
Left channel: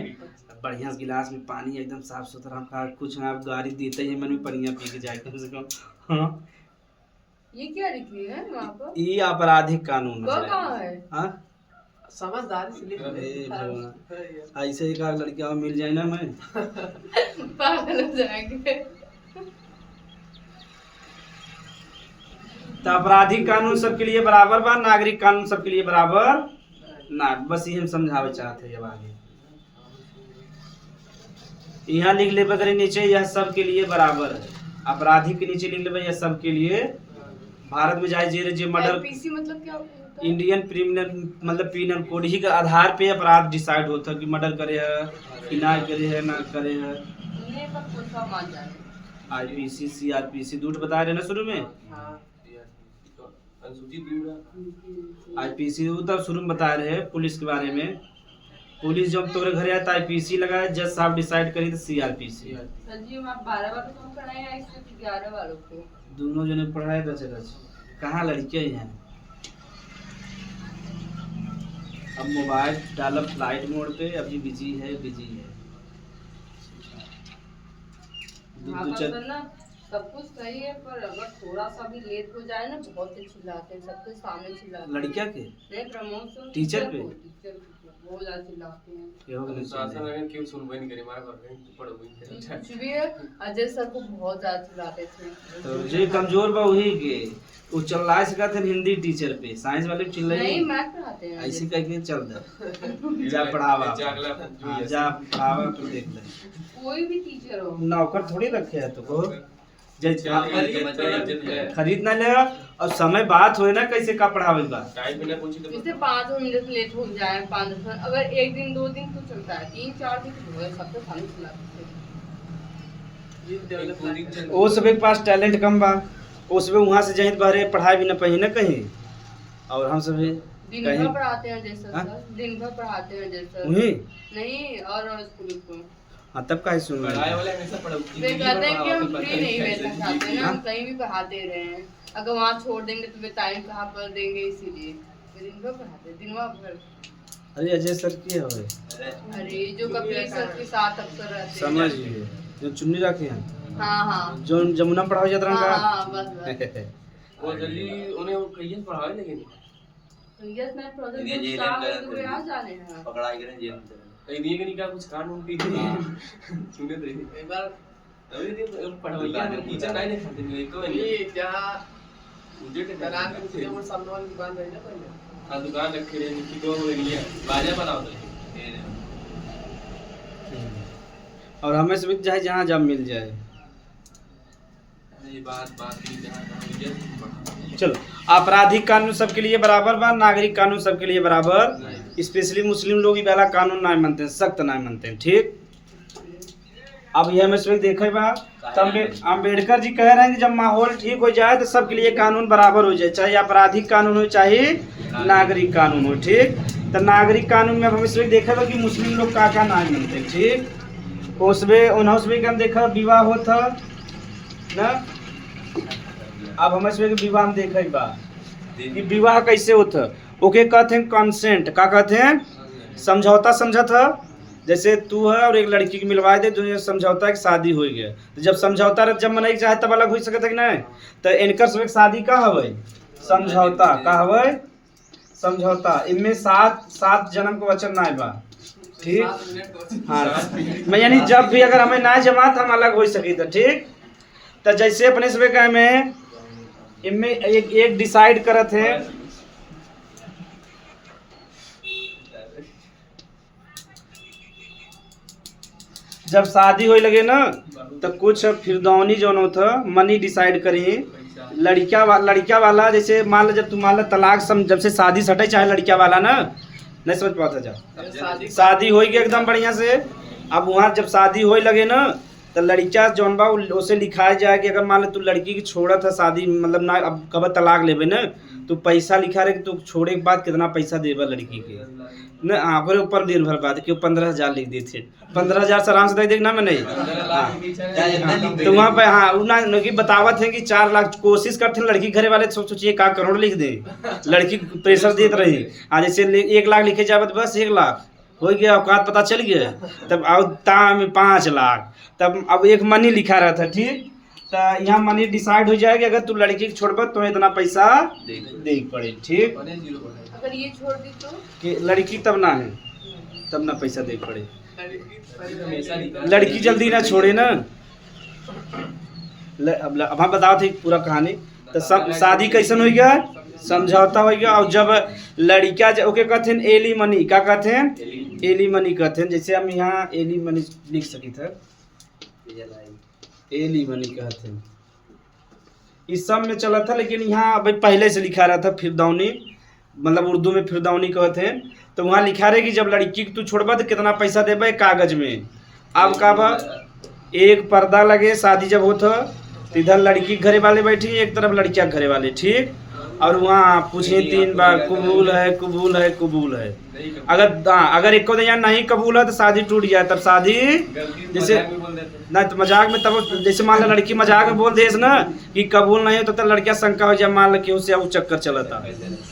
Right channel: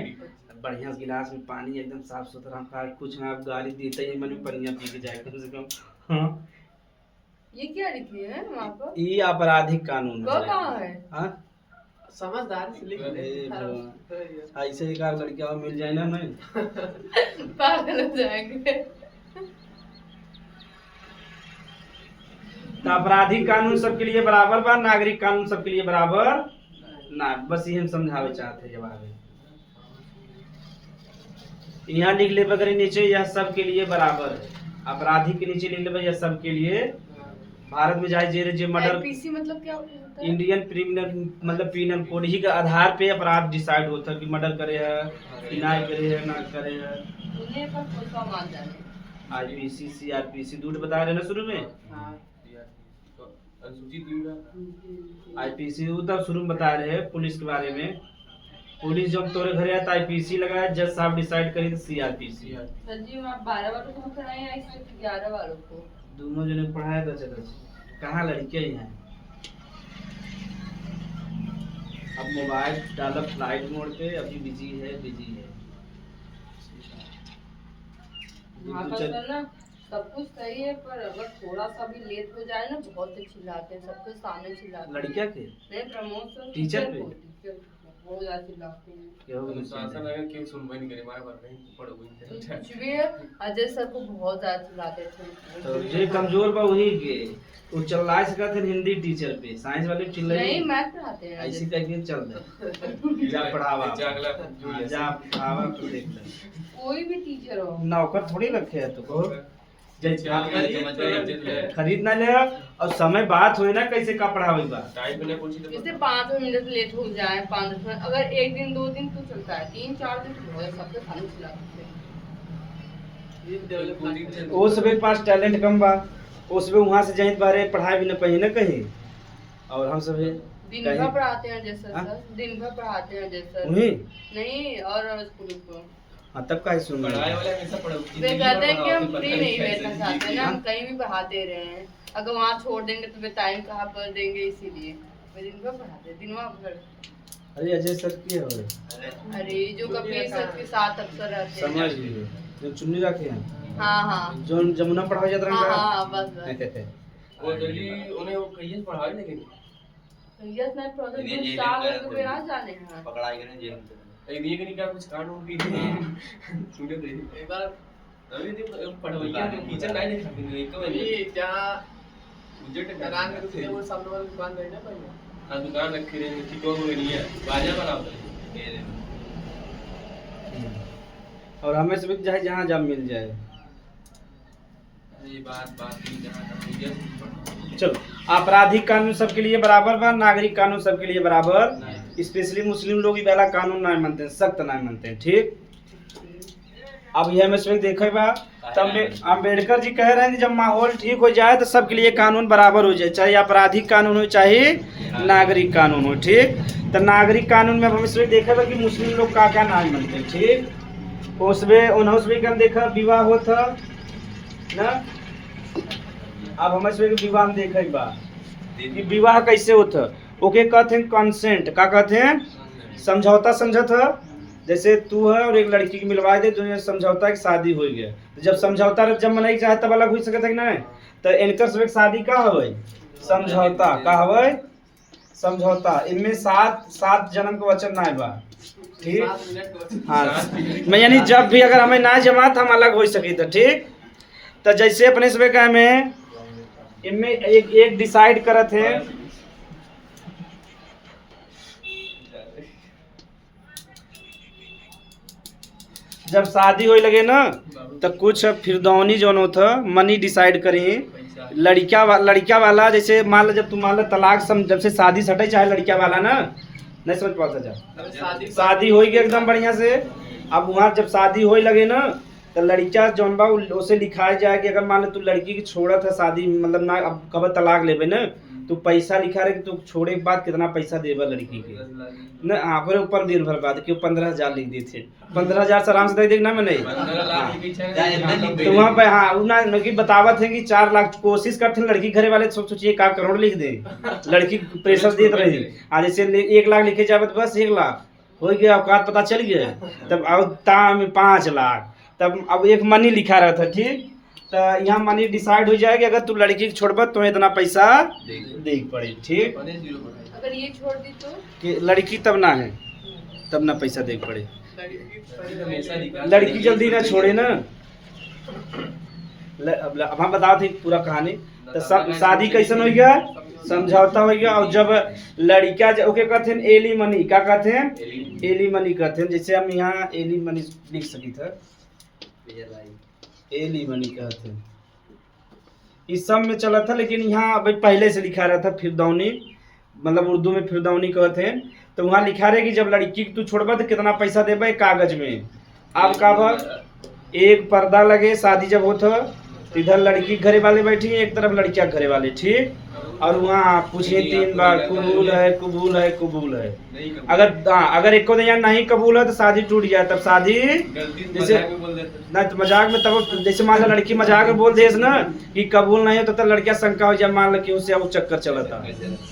बढ़िया गिलास में पानी एकदम साफ सुथरा, का कुछ ना गाड़ी देते ही मैंने बढ़िया पी के जाए कम से कम। हाँ ये क्या लिखी है वहाँ पर? ये आपराधिक कानून कहाँ है? हाँ समझदारी से लिख ऐसे ही का लड़कियां मिल जाए ना, मैं पागल हो जाएंगे। तो आपराधिक कानून सबके लिए बराबर बा, नागरिक कानून सबके लिए बराबर ना। बस ये हम समझावे चाहते हैं। आगे यहाँ लिख ले बगैर नीचे, यह सबके लिए बराबर है। आपराधिक के नीचे लिख ले यह सबके लिए। भारत में जाए जे मर्डर, आईपीसी मतलब क्या होता है? इंडियन क्रिमिनल मतलब पीनल कोड ही के आधार पे अपराध डिसाइड होता है कि मर्डर करे है कि ना करे है, ना करे है। उन्हें पर पुलिस मान जाए। आईपीसी सीआरपीसी दूध बता रहे ना शुरू में। हाँ आईपीसी तब शुरू में बता रहे हैं पुलिस के बारे में। पुलिस जब तोरे घर आता आईपीसी लगा, जज साहब डिसाइड करी तो सीआरपीसी। सर जी आप 12 वालों को पढ़ाए या सिर्फ 11 वालों को? दोनों जने पढ़ाए बचे कहाँ लड़के ही हैं। अब मोबाइल डालो फ्लाइट मोड पे, अभी बिजी है। वहाँ पर सर ना सब कुछ सही है, पर अगर थोड़ा सा भी लेट हो जाए ना बहुत ही चिल्लाते हैं, सबके सामने चिल्लाते हैं। लड़कियां के नहीं, प्रमोशन टीचर पे? टीचर बहुत ज्यादा चिल्लाते हैं। ये हो गया शासन अगर क्यों सुनवाई नहीं करे हमारे बारे में पढ़ो कुछ भी है, अजय सर को बहुत ज्यादा चिल्लाते थे। तो जे कमजोर बा वही के वो चल्ला सका थे हिंदी टीचर पे, साइंस वाले चिल्लाई नहीं, मैथ पढ़ाते हैं ऐसे कह के चल दे जा पढ़ावा जा पढ़ावा तो देख ले कोई भी टीचर हो। नौकर थोड़ी रखे है तो खरीद ना ले और समय बात हुए ना कैसे का पढ़ावे बा टाइम बिना पूछी तो जैसे 5 मिनट लेट हो जाए, 5-10 मिनट, अगर 1 दिन 2 दिन तो चलता है, 3-4 दिन तो बहुत सबके सामने चिल्लाते हैं। वो सबके पास टैलेंट कम बा, वो सब वहां से जहित बाहर पढ़ाई भी ना पही ना कहीं, और हम सब दिन भर पढ़ाते हैं जैसे सर, दिन भर पढ़ाते हैं जैसे वही नहीं, और स्कूल को हाँ तब का सुन पढ़ाई वाले हमेशा पढ़ो वे कहते हैं कि हम फ्री नहीं बैठना चाहते हैं, हम कहीं भी पढ़ाते रहे हैं, अगर वहाँ छोड़ देंगे तो वे टाइम कहाँ पर देंगे, इसीलिए वे दिन भर पढ़ाते हैं, दिन भर। अरे अजय सर की है अरे जो कपिल सर के साथ अक्सर रहते हैं, समझ लिए जो चुन्नी रखे हैं, हाँ हाँ जो जमुना पढ़ाओ जाता हाँ रहा हाँ बस वो जल्दी उन्हें वो कहिए पढ़ावे लेकिन यस मैं प्रोजेक्ट में शाम को वे आ जाने हैं पकड़ाई करें जेल में ये नहीं का कुछ कानून की सुने तो एक बार अभी दिन पढ़वैया टीचर नहीं दिखाते नहीं एक में ये जहां मुझे करान में थे वो सामने वाली दुकान रही ना पहले हां दुकान रखे रहे की को हो रही है बाजा बनाओ और हमें सब चाहे जहाँ जब मिल जाए। ये बात की जहां चलो आपराधिक कानून सबके लिए बराबर बा, नागरिक कानून सबके लिए बराबर, स्पेशली मुस्लिम लोग वाला कानून नहीं मानते हैं, सख्त नहीं मानते हैं, ठीक। अब यह में से देखे बा अम्बेडकर जी कह रहे हैं कि जब माहौल ठीक हो जाए तो सबके लिए कानून बराबर हो जाए, चाहे आपराधिक कानून हो चाहे नागरिक कानून हो, ठीक। तो नागरिक कानून में भविष्य में देखा कि मुस्लिम लोग का नहीं मानते, ठीक। उसमें उन्होंने हम देखा विवाह होता ना, अब हमें विवाह में देखे बा कि विवाह कैसे होता, ओके कहते हैं कंसेंट, का कहते हैं समझौता, समझत है। जैसे तू है और एक लड़की की मिलवा दे, जो समझौता की शादी हो गया, तो जब समझौता जब मनाई चाहे तब अलग हो सकता है कि नहीं। तो इनकर सब शादी का हवे समझौता, का हवे समझौता, इनमें 7 जन्म को वचन ना बा, ठीक। हाँ मैं यानी जब भी अगर हमें ना जमा हम अलग हो सके तो, ठीक। तो जैसे अपने सब का में इनमें एक डिसाइड करत है, जब शादी होए लगे ना तो कुछ फिरदौनी जो होता मनी डिसाइड करी लड़किया वाला, जैसे मान लो जब तुम मान लो तलाक जब से शादी सटे चाहे लड़किया वाला ना नहीं समझ पाता, जब शादी हो गई एकदम बढ़िया से, अब वहाँ जब शादी होए लगे ना तो लड़किया जौन बा उसे लिखाया जाए कि अगर मान लो तू लड़की की छोड़ा था शादी, मतलब ना अब कब तलाक लेबे ना तो पैसा लिखा रहे कि तू छोड़े के बाद कितना पैसा देबा लड़की के ना, अगर ऊपर निर्भर बात कि 15,000 लिख दी थे, 15,000 से आराम से दे देना में नहीं तो वहाँ पे हाँ उन्हें कि बतावत है कि 4 लाख कोशिश करते हैं लड़की घरे वाले, सोचिए 1 करोड़ लिख दे, लड़की प्रेशर देते रही, आज जैसे 1 लाख लिखे जाए तो बस 1 लाख हो गया, औकात पता चल गया, तब अब 5 लाख, तब अब एक मनी लिखा रहा था, ठीक। तो यहाँ मनी डिसाइड हो जाएगा अगर तू लड़की छोड़ब तो इतना पैसा दे पड़े, ठीक। अगर ये छोड़ दी तो कि लड़की तब ना है, तब ना पैसा दे पड़े, लड़की जल्दी ना छोड़े ना। अब हम बताओ थे पूरा कहानी, तो सब शादी कैसन हो गया, समझौता हो गया, और जब लड़किया ओके कहते हैं एली मनी, क्या कहते हैं एली मनी कहते हैं, जैसे हम यहाँ एली मनी लिख सकी था, एली मनी कहते हैं, इस सब में चला था, लेकिन यहाँ पहले से लिखा रहा था फिरदौनी, मतलब उर्दू में फिरदौनी कहते हैं। तो वहाँ लिखा रहे कि जब लड़की तू छोड़बा तो कितना पैसा देबा कागज में। अब का बा एक पर्दा लगे, शादी जब होता इधर लड़की घरे वाले बैठी, एक तरफ लड़किया घरे वाले, ठीक। और वहाँ पूछिए 3 बार कबूल है कबूल है कबूल है, अगर एक को नहीं कबूल है तो शादी टूट जाए, तब शादी जैसे ना तो मजाक में, तब जैसे मान लो लड़की मजाक में बोल दे ना कि कबूल नहीं तो लड़किया शंका हो जाए, मान लो कि उससे वो चक्कर चला था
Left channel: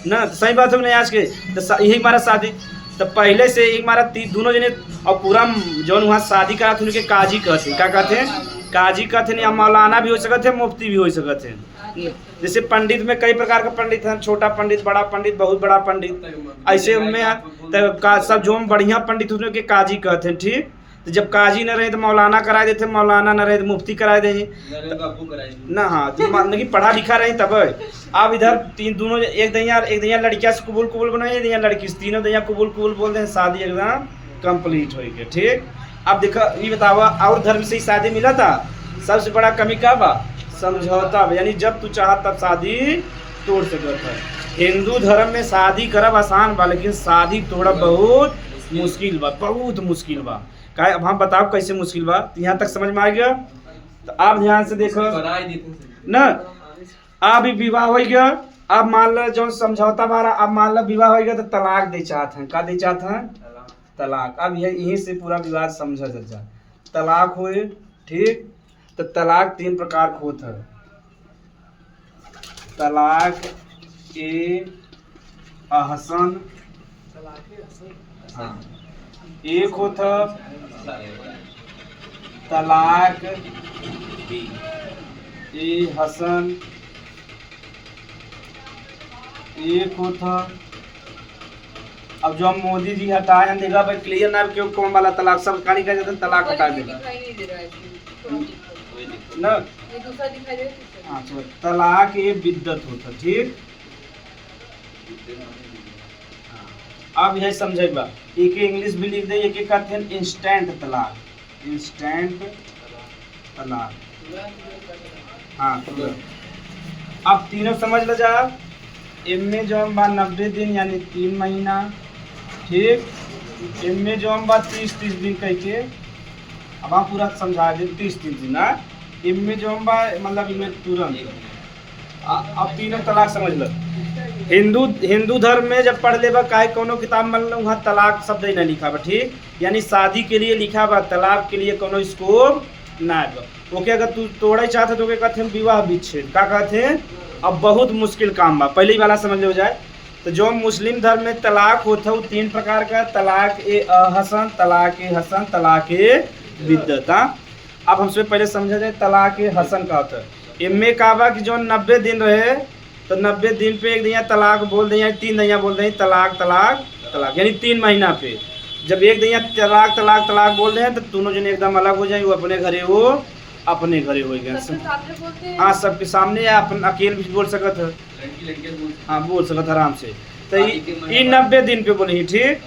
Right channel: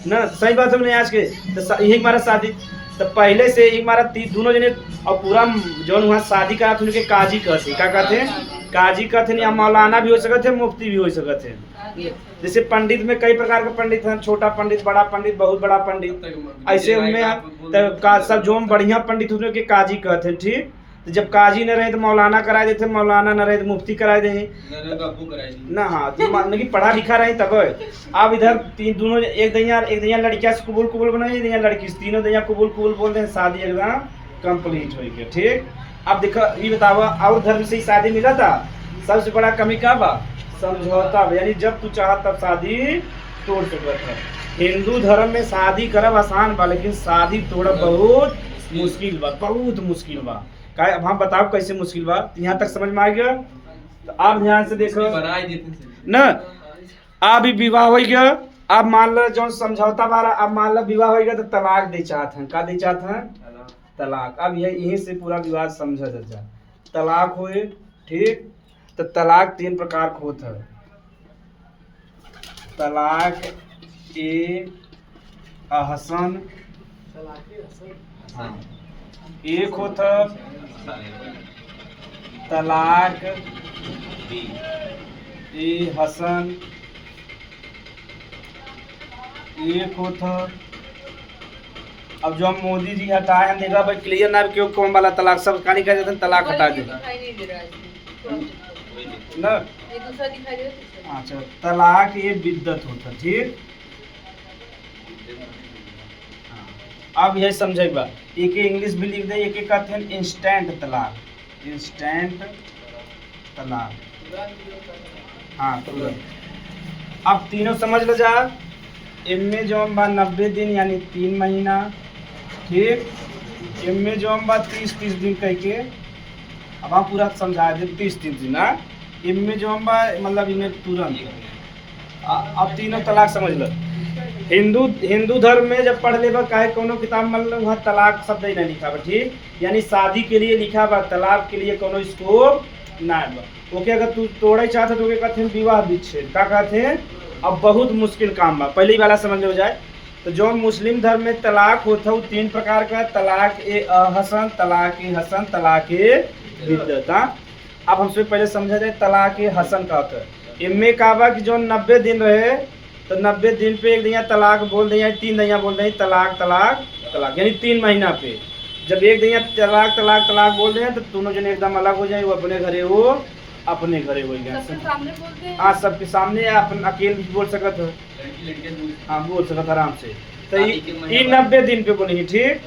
ना, सही बात है नहीं आज के, तो यही हमारा शादी तो पहले से ही हमारा दोनों जने, और पूरा जो वहाँ शादी करा था उनके काजी कहते, क्या कहते हैं काजी कहते हैं, या मौलाना भी हो सकते हैं, मुफ्ती भी हो सकते हैं। जैसे पंडित में कई प्रकार के पंडित हैं, छोटा पंडित, बड़ा पंडित, बहुत बड़ा पंडित, ऐसे में सब जो बढ़िया पंडित होते के काजी कहते हैं। ठीक, तो जब काजी न रहे तो मौलाना करा देते, मौलाना न रहे तो मुफ्ती करा दे ना। हाँ, तो मान कि पढ़ा लिखा रहे तब। अब इधर तीन दोनों एक दैया लड़किया से कुबुल कुबुल को नहीं, दैया लड़की से, तीनों दैया कुबुल कुबुल बोलते हैं, शादी एकदम कंप्लीट हो गया। ठीक, अब देखो ये बतावा, और धर्म से ही शादी मिला था, सबसे बड़ा कमी क्या बा? समझौता। यानी जब तू चाह तब शादी तोड़ सकता है। हिंदू धर्म में शादी करब आसान बा, लेकिन शादी तोड़ा बहुत मुश्किल बा, बहुत मुश्किल बा। क्या अब हम बताओ कैसे मुश्किल बा? यहाँ तक समझ में आ गया? तो आप ध्यान से देखो न, अब विवाह हो गया, अब मान लो जो समझौता बारा, अब मान लो विवाह हो गया तो तलाक दे चाहते हैं। क्या दे चाहते हैं? तलाक। अब यहीं से पूरा विवाद समझा जा। तलाक हुए, ठीक, तो तलाक 3 प्रकार का होता है। तलाक ए अहसन, हाँ, एक होता तलाक ए हसन, एक होता, अब जो हम मोदी जी हटाए हैं, देखा भाई क्लियर ना क्यों कौन वाला तलाक, सब खाली कर देते हैं, तलाक हटा देते ना। अच्छा, तलाक ये बिद्दत होता। ठीक, अब यही समझेगा, एक इंग्लिश भी लिख दे, एक कहते हैं इंस्टेंट तलाक, इंस्टेंट तलाक। हाँ, अब तीनों समझ लो जा। इनमें जो हम 90 दिन यानी 3 महीना, ठीक, इनमें जो हम 30 दिन कह के, अब हम पूरा समझा दे 30 दिन ना, इनमें जो हम मतलब इनमें तुरंत। अब तीनों तलाक समझ लो। हिंदू धर्म में जब पढ़ लेबा काहे कोनो किताब मान लो वहाँ तलाक शब्द ही ना लिखा बा। ठीक, यानी शादी के लिए लिखा बा, तलाक के लिए कोनो स्कोप ना बा। ओके, अगर तू तोड़े चाहते तो कहते हैं विवाह विच्छेद, क्या कहते हैं? अब बहुत मुश्किल काम बा, पहले वाला समझ हो जाए। तो जो मुस्लिम धर्म में तलाक होता है 3 प्रकार का, तलाक ए अहसन, तलाक ए हसन, तलाक ए बिद्दत। अब हमसे पहले समझा जाए तलाक ए हसन का होता है। इनमें कहा बा कि जो 90 दिन रहे तो 90 दिन पे एक दैया तलाक बोल दें, 3 दैया बोल दें, तलाक तलाक तलाक, यानी 3 महीना पे जब एक दैया तलाक तलाक तलाक बोल दें तो दोनों जने एकदम अलग हो जाए, वो अपने घरे हो गया। हाँ, सबके सामने अपन अकेले भी बोल सकत है, हाँ बोल सकत आराम से। तो ये 90 दिन पे बोले। ठीक,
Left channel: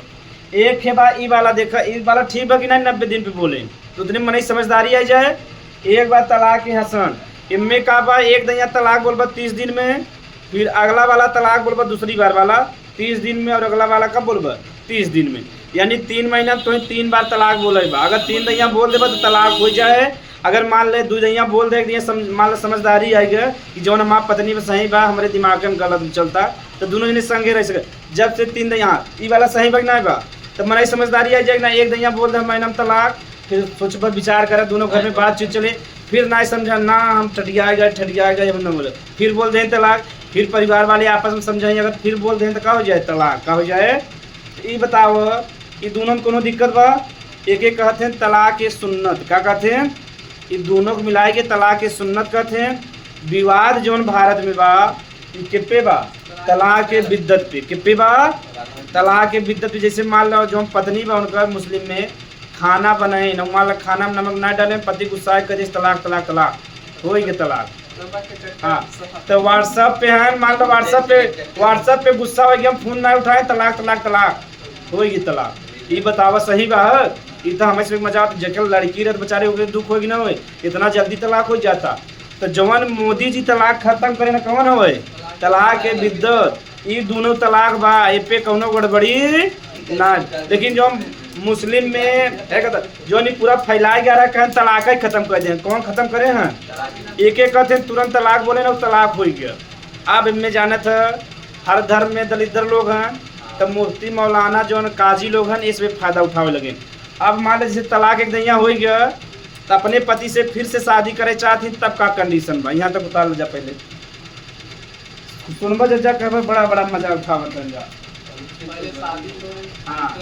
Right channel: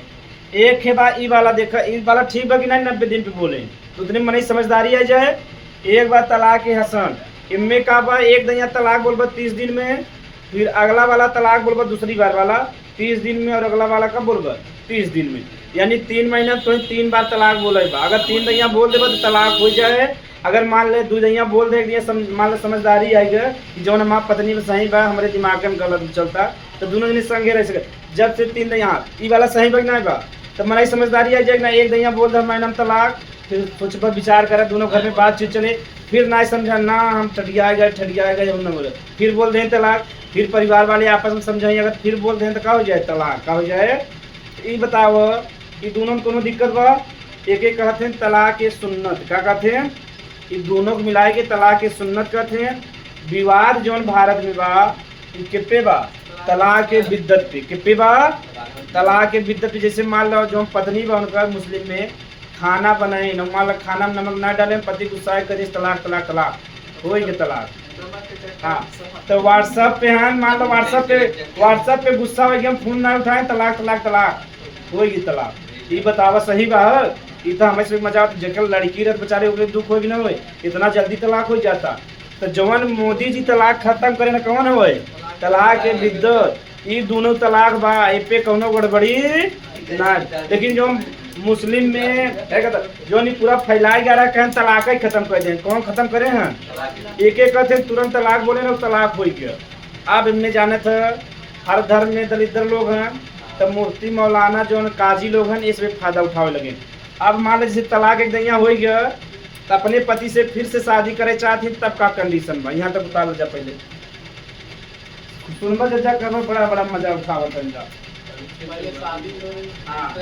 एक है बा ई वाला, देखा ई वाला ठीक बा कि नहीं? 90 दिन पे बोले तो उतनी मनी समझदारी आ जाए। एक बार तलाक के हसन, इनमें का बा एक दैया तलाक बोलबा 30 दिन में, फिर अगला वाला तलाक बोलबा दूसरी बार वाला 30 दिन में, और अगला वाला कब बोलबा? 30 दिन में, यानी 3 महीना तो 3 बार तलाक बोलेबा। अगर 3 दैया बोल देबा तो तलाक हो जाए। अगर मान ले 2 दैया बोल दे, मान ले समझदारी आई गया कि जो हमारा पत्नी में सही बा, हमारे दिमाग में गलत चलता, तो दोनों जने संगे रह सके। जब से 3 दैया ई वाला सही बा नहीं बा, तो हमारी समझदारी आ जाएगी ना। एक दैया बोल दे हमारे नाम तलाक, फिर सोच पर विचार करे, दोनों घर में बातचीत चले, फिर ना समझा ना हम ठटिया गए जब न बोले, फिर बोल दें तलाक, फिर परिवार वाले आपस में समझाएंगे, अगर फिर बोल दें तो क्या हो जाए? तलाक। क्या हो जाए? ये बताओ, ये दोनों में कोनो दिक्कत बा? एक कहते हैं तलाक ए सुन्नत, क्या कहते हैं? ये दोनों को मिलाए के तलाक ए सुन्नत कहते हैं। विवाद जो भारत में बा किपे बा? तलाक ए बिद्दत पे। किपे बा? तलाक ए बिद्दत पे। जैसे मान लो जो पत्नी बा उनका मुस्लिम में खाना बनाए न, मान लो खाना में नमक ना डाले, पति गुस्सा करे तलाक तलाक तलाक हो गया तलाक। हाँ, तो व्हाट्सएप पे है, मान लो व्हाट्सएप पे गुस्सा हो गया, फोन ना उठाए, तलाक तलाक तलाक हो गई तलाक। ये बतावा सही बा? ये तो हमें से मजाक, जब लड़की रह बेचारे हो दुख होगी ना हो, इतना जल्दी तलाक हो जाता। तो जवन मोदी जी तलाक खत्म करे ना कौन हो? तलाक के बिद्दत। ये दोनों तलाक बा, ए पे कौनो गड़बड़ी ना। लेकिन जो मुस्लिम में जो नहीं पूरा फैलाए जा रहा है, तलाक ही खत्म कर दें। कौन खत्म करे हैं? एक कहते हैं तुरंत तलाक बोले ना, तलाक हो गया। अब इनमें जाना था हर धर्म में दलिद्र लोग हैं, तो मुफ्ती मौलाना जो काजी लोग हैं इसमें फ़ायदा उठावे लगे। अब मान लो जैसे तलाक एक दैया हो गया तो अपने पति से फिर से शादी करे चाहती, तब का कंडीशन बा यहाँ तक बता लो जा। पहले सुनबो जा कर बड़ा मजा उठावत जा। हाँ,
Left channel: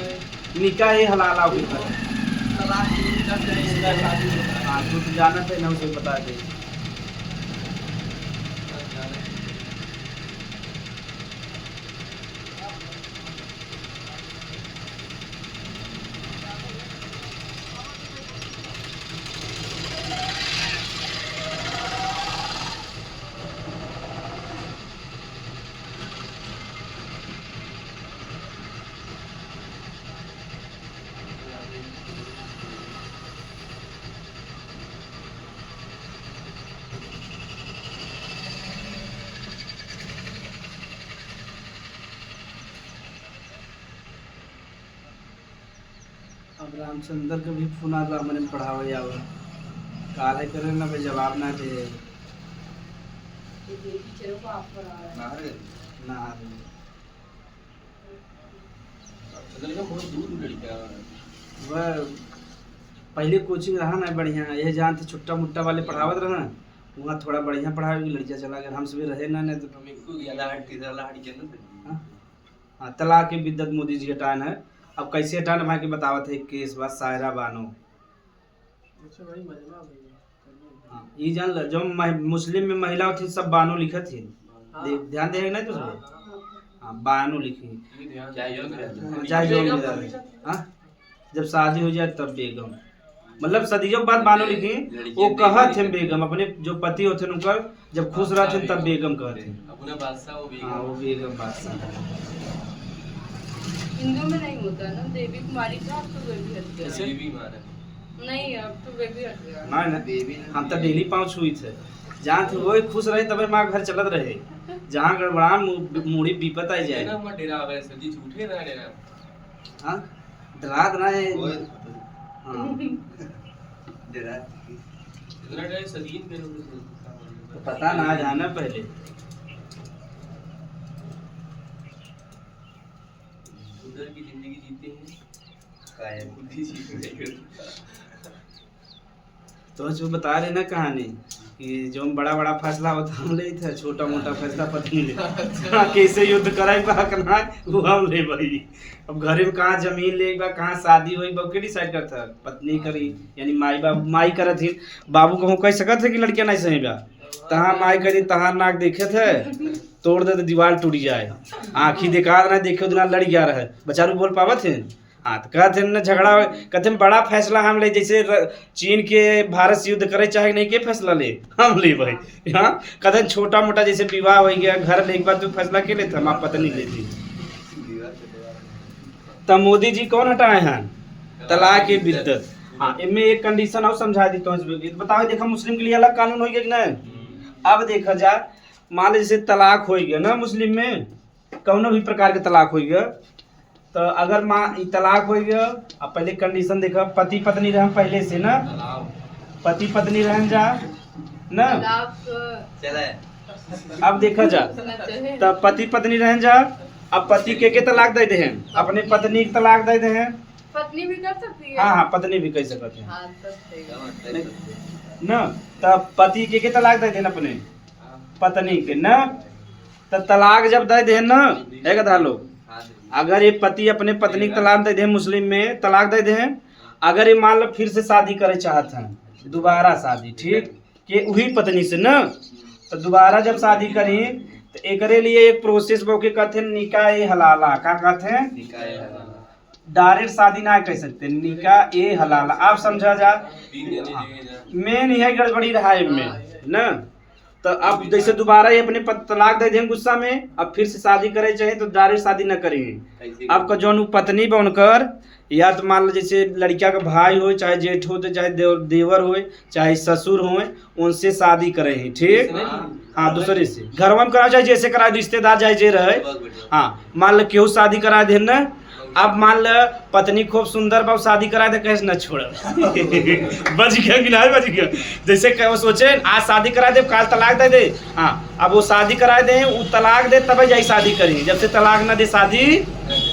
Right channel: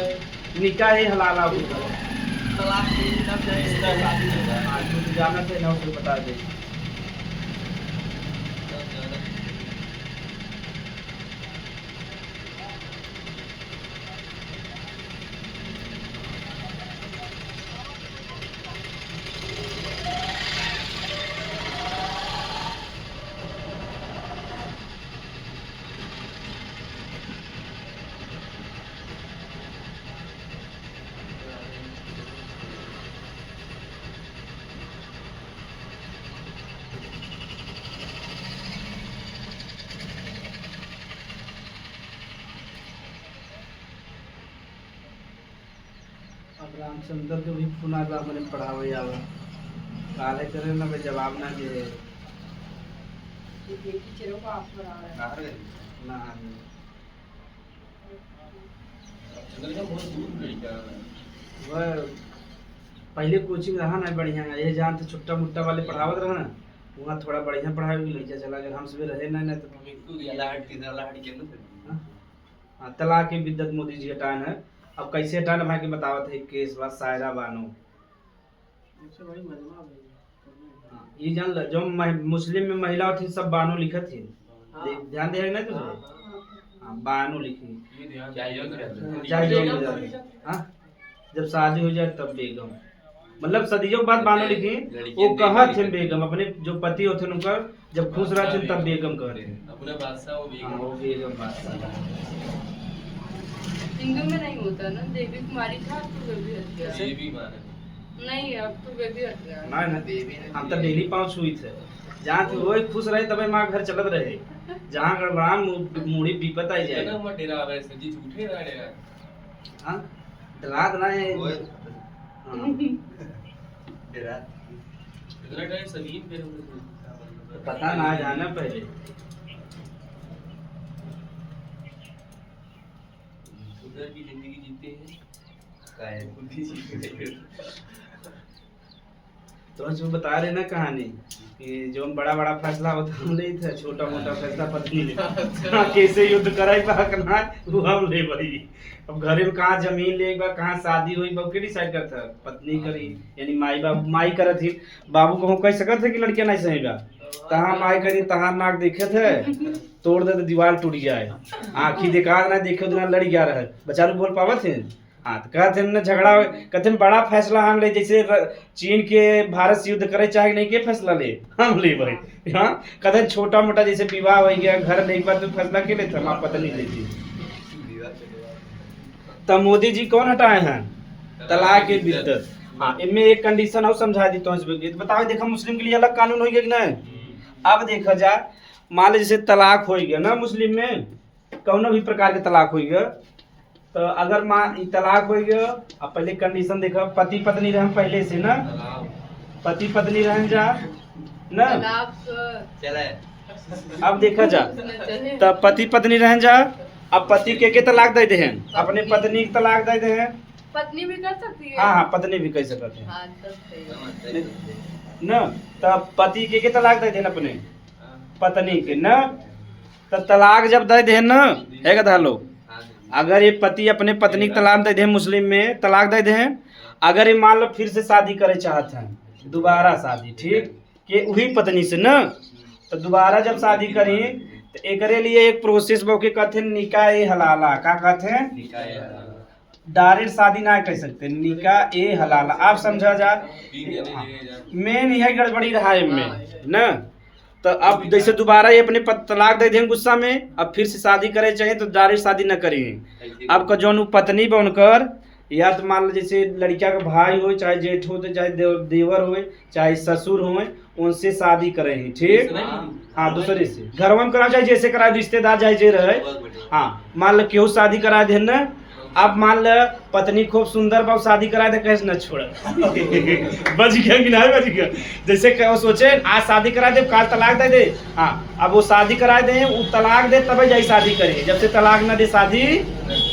निकाह ही हलाला हुई। तलाक लग जाए शादी में तू तो जाना थे ना उसे बता दे। अब रामचंद्र के भी फोन आला मैंने पढ़ावे आवा काले करे ना के जवाब ना दे ये देखी चलो को आप पर आ रहा है ना चंद्र का बहुत दूर लड़का वह पहले कोचिंग रहा ना बढ़िया ये जानते छुट्टा मुट्टा वाले पढ़ावत रहा ना वहाँ थोड़ा बढ़िया पढ़ावे लड़का चला गया हम सब रहे ना नहीं तो हमें को लाहट की लाहट के ना हाँ तलाक की बिद्दत मोदी जी हटान है। अब कैसे हटाना मैं के बतावत है केस बात सायरा बानो अच्छा भाई मजमा भाई ये जान ल जो मुस्लिम में महिला थी सब बानो लिखत थी ध्यान दे ना तुझे हाँ बानो लिखी हाँ जब शादी हो जाए तब बेगम मतलब सदियों बाद बानो लिखी वो कहत थे बेगम अपने जो पति होते उनकर जब खुश रहते तब बेगम कहते अपने बादशाह वो बेगम बादशाह हिंदू में नहीं होता ना देवी कुमारी था तो वे भी हट गया देवी माने नहीं अब तो वे भी हट गया ना ना हम तो डेली पाँव छुई थे जहाँ थे वही खुश रहे तभी माँ घर चलत रहे जहाँ गड़बड़ान मुड़ी विपत आई जाए ना मत डेरा अगर सदी झूठे ना डेरा हाँ डरात ना है डेरा इतना टाइम सदीन पे पता ना जाना पहले उधर की जिंदगी जीते हैं काय खुद ही जीते हैं तो जो बता रहे ना कहानी कि जो बड़ा बड़ा फैसला होता हम ले थे छोटा मोटा फैसला पत्नी ले कैसे युद्ध कराई बा करना वो हम ले भाई अब घरे में कहाँ जमीन लेगा कहाँ शादी हुई बाबू के डिसाइड करता पत्नी करी यानी माई बाबू माई करत थी बाबू को कह सकत थे कि लड़कियां नहीं सहेगा तहाँ माई करी तहाँ नाक देखे थे तोड़ दे तो दीवार टूट जाए आँखी देखा ना देखे उतना लड़ गया रहे बेचारू बोल पावत थे हाँ तो कहते हैं झगड़ा कहते हैं बड़ा फैसला हम ले जैसे चीन के भारत से युद्ध करे चाहे नहीं के फैसला ले हम ले भाई हाँ कहते हैं छोटा मोटा जैसे विवाह हो गया घर ले एक बार तो फैसला के लेते हम पता नहीं लेती तब मोदी जी कौन हटाए हैं तलाक की बिद्दत हाँ इनमें एक कंडीशन और समझा दी तो बताओ देखा मुस्लिम के लिए अलग कानून हो गया कि नहीं अब देखा जाए मान लो जैसे तलाक हो गया ना मुस्लिम में कौनो भी प्रकार के तलाक हो गया तो अगर माँ तलाक हो गया अब पहले कंडीशन देखा पति पत्नी रह पहले से ना पति पत्नी रह जा ना अब देखा जा तब पति पत्नी रह जा अब पति के तलाक दे दे हैं अपने पत्नी के तलाक दे दे हैं पत्नी भी कर सकती है हाँ हाँ पत्नी भी कह सकते हैं हाँ, तब सही है। ना तब पति के तलाक दे देना अपने पत्नी के ना तब तलाक जब दे दे ना है कथा लोग अगर ये पति अपने पत्नी तलाक दे दे मुस्लिम में तलाक दे दे अगर ये मान लो फिर से शादी करे चाहते हैं दोबारा शादी ठीक कि वही पत्नी से ना तो दोबारा जब शादी करी तो एकरे लिए एक प्रोसेस के कहते हैं निकाह ए हलाला का कहते हैं डायरेक्ट शादी ना कह सकते निकाह ए हलाला आप समझा जा मेन यही गड़बड़ी रहा है में ना तो अब जैसे दोबारा ये अपने तलाक दे देंगे गुस्सा में अब फिर से शादी करे चाहे तो डायरेक्ट शादी न करें अब का जो पत्नी बनकर या तो मान लो जैसे लड़किया का भाई हो चाहे जेठ हो तो चाहे देवर हो चाहे ससुर हो उनसे शादी करे हैं ठीक हाँ दूसरे से घर में करा चाहे जैसे करा रिश्तेदार चाहे जे रहे हाँ मान लो केहू शादी करा दे ना अब मान लो पत्नी खूब सुंदर बाबू शादी करा दे कैसे न छोड़ बच गया कि नहीं बच गया जैसे वो सोचे आज शादी करा दे काल तलाक दे दे हाँ अब वो शादी करा दे वो तलाक दे तब जाए शादी करी जब से तलाक न दे शादी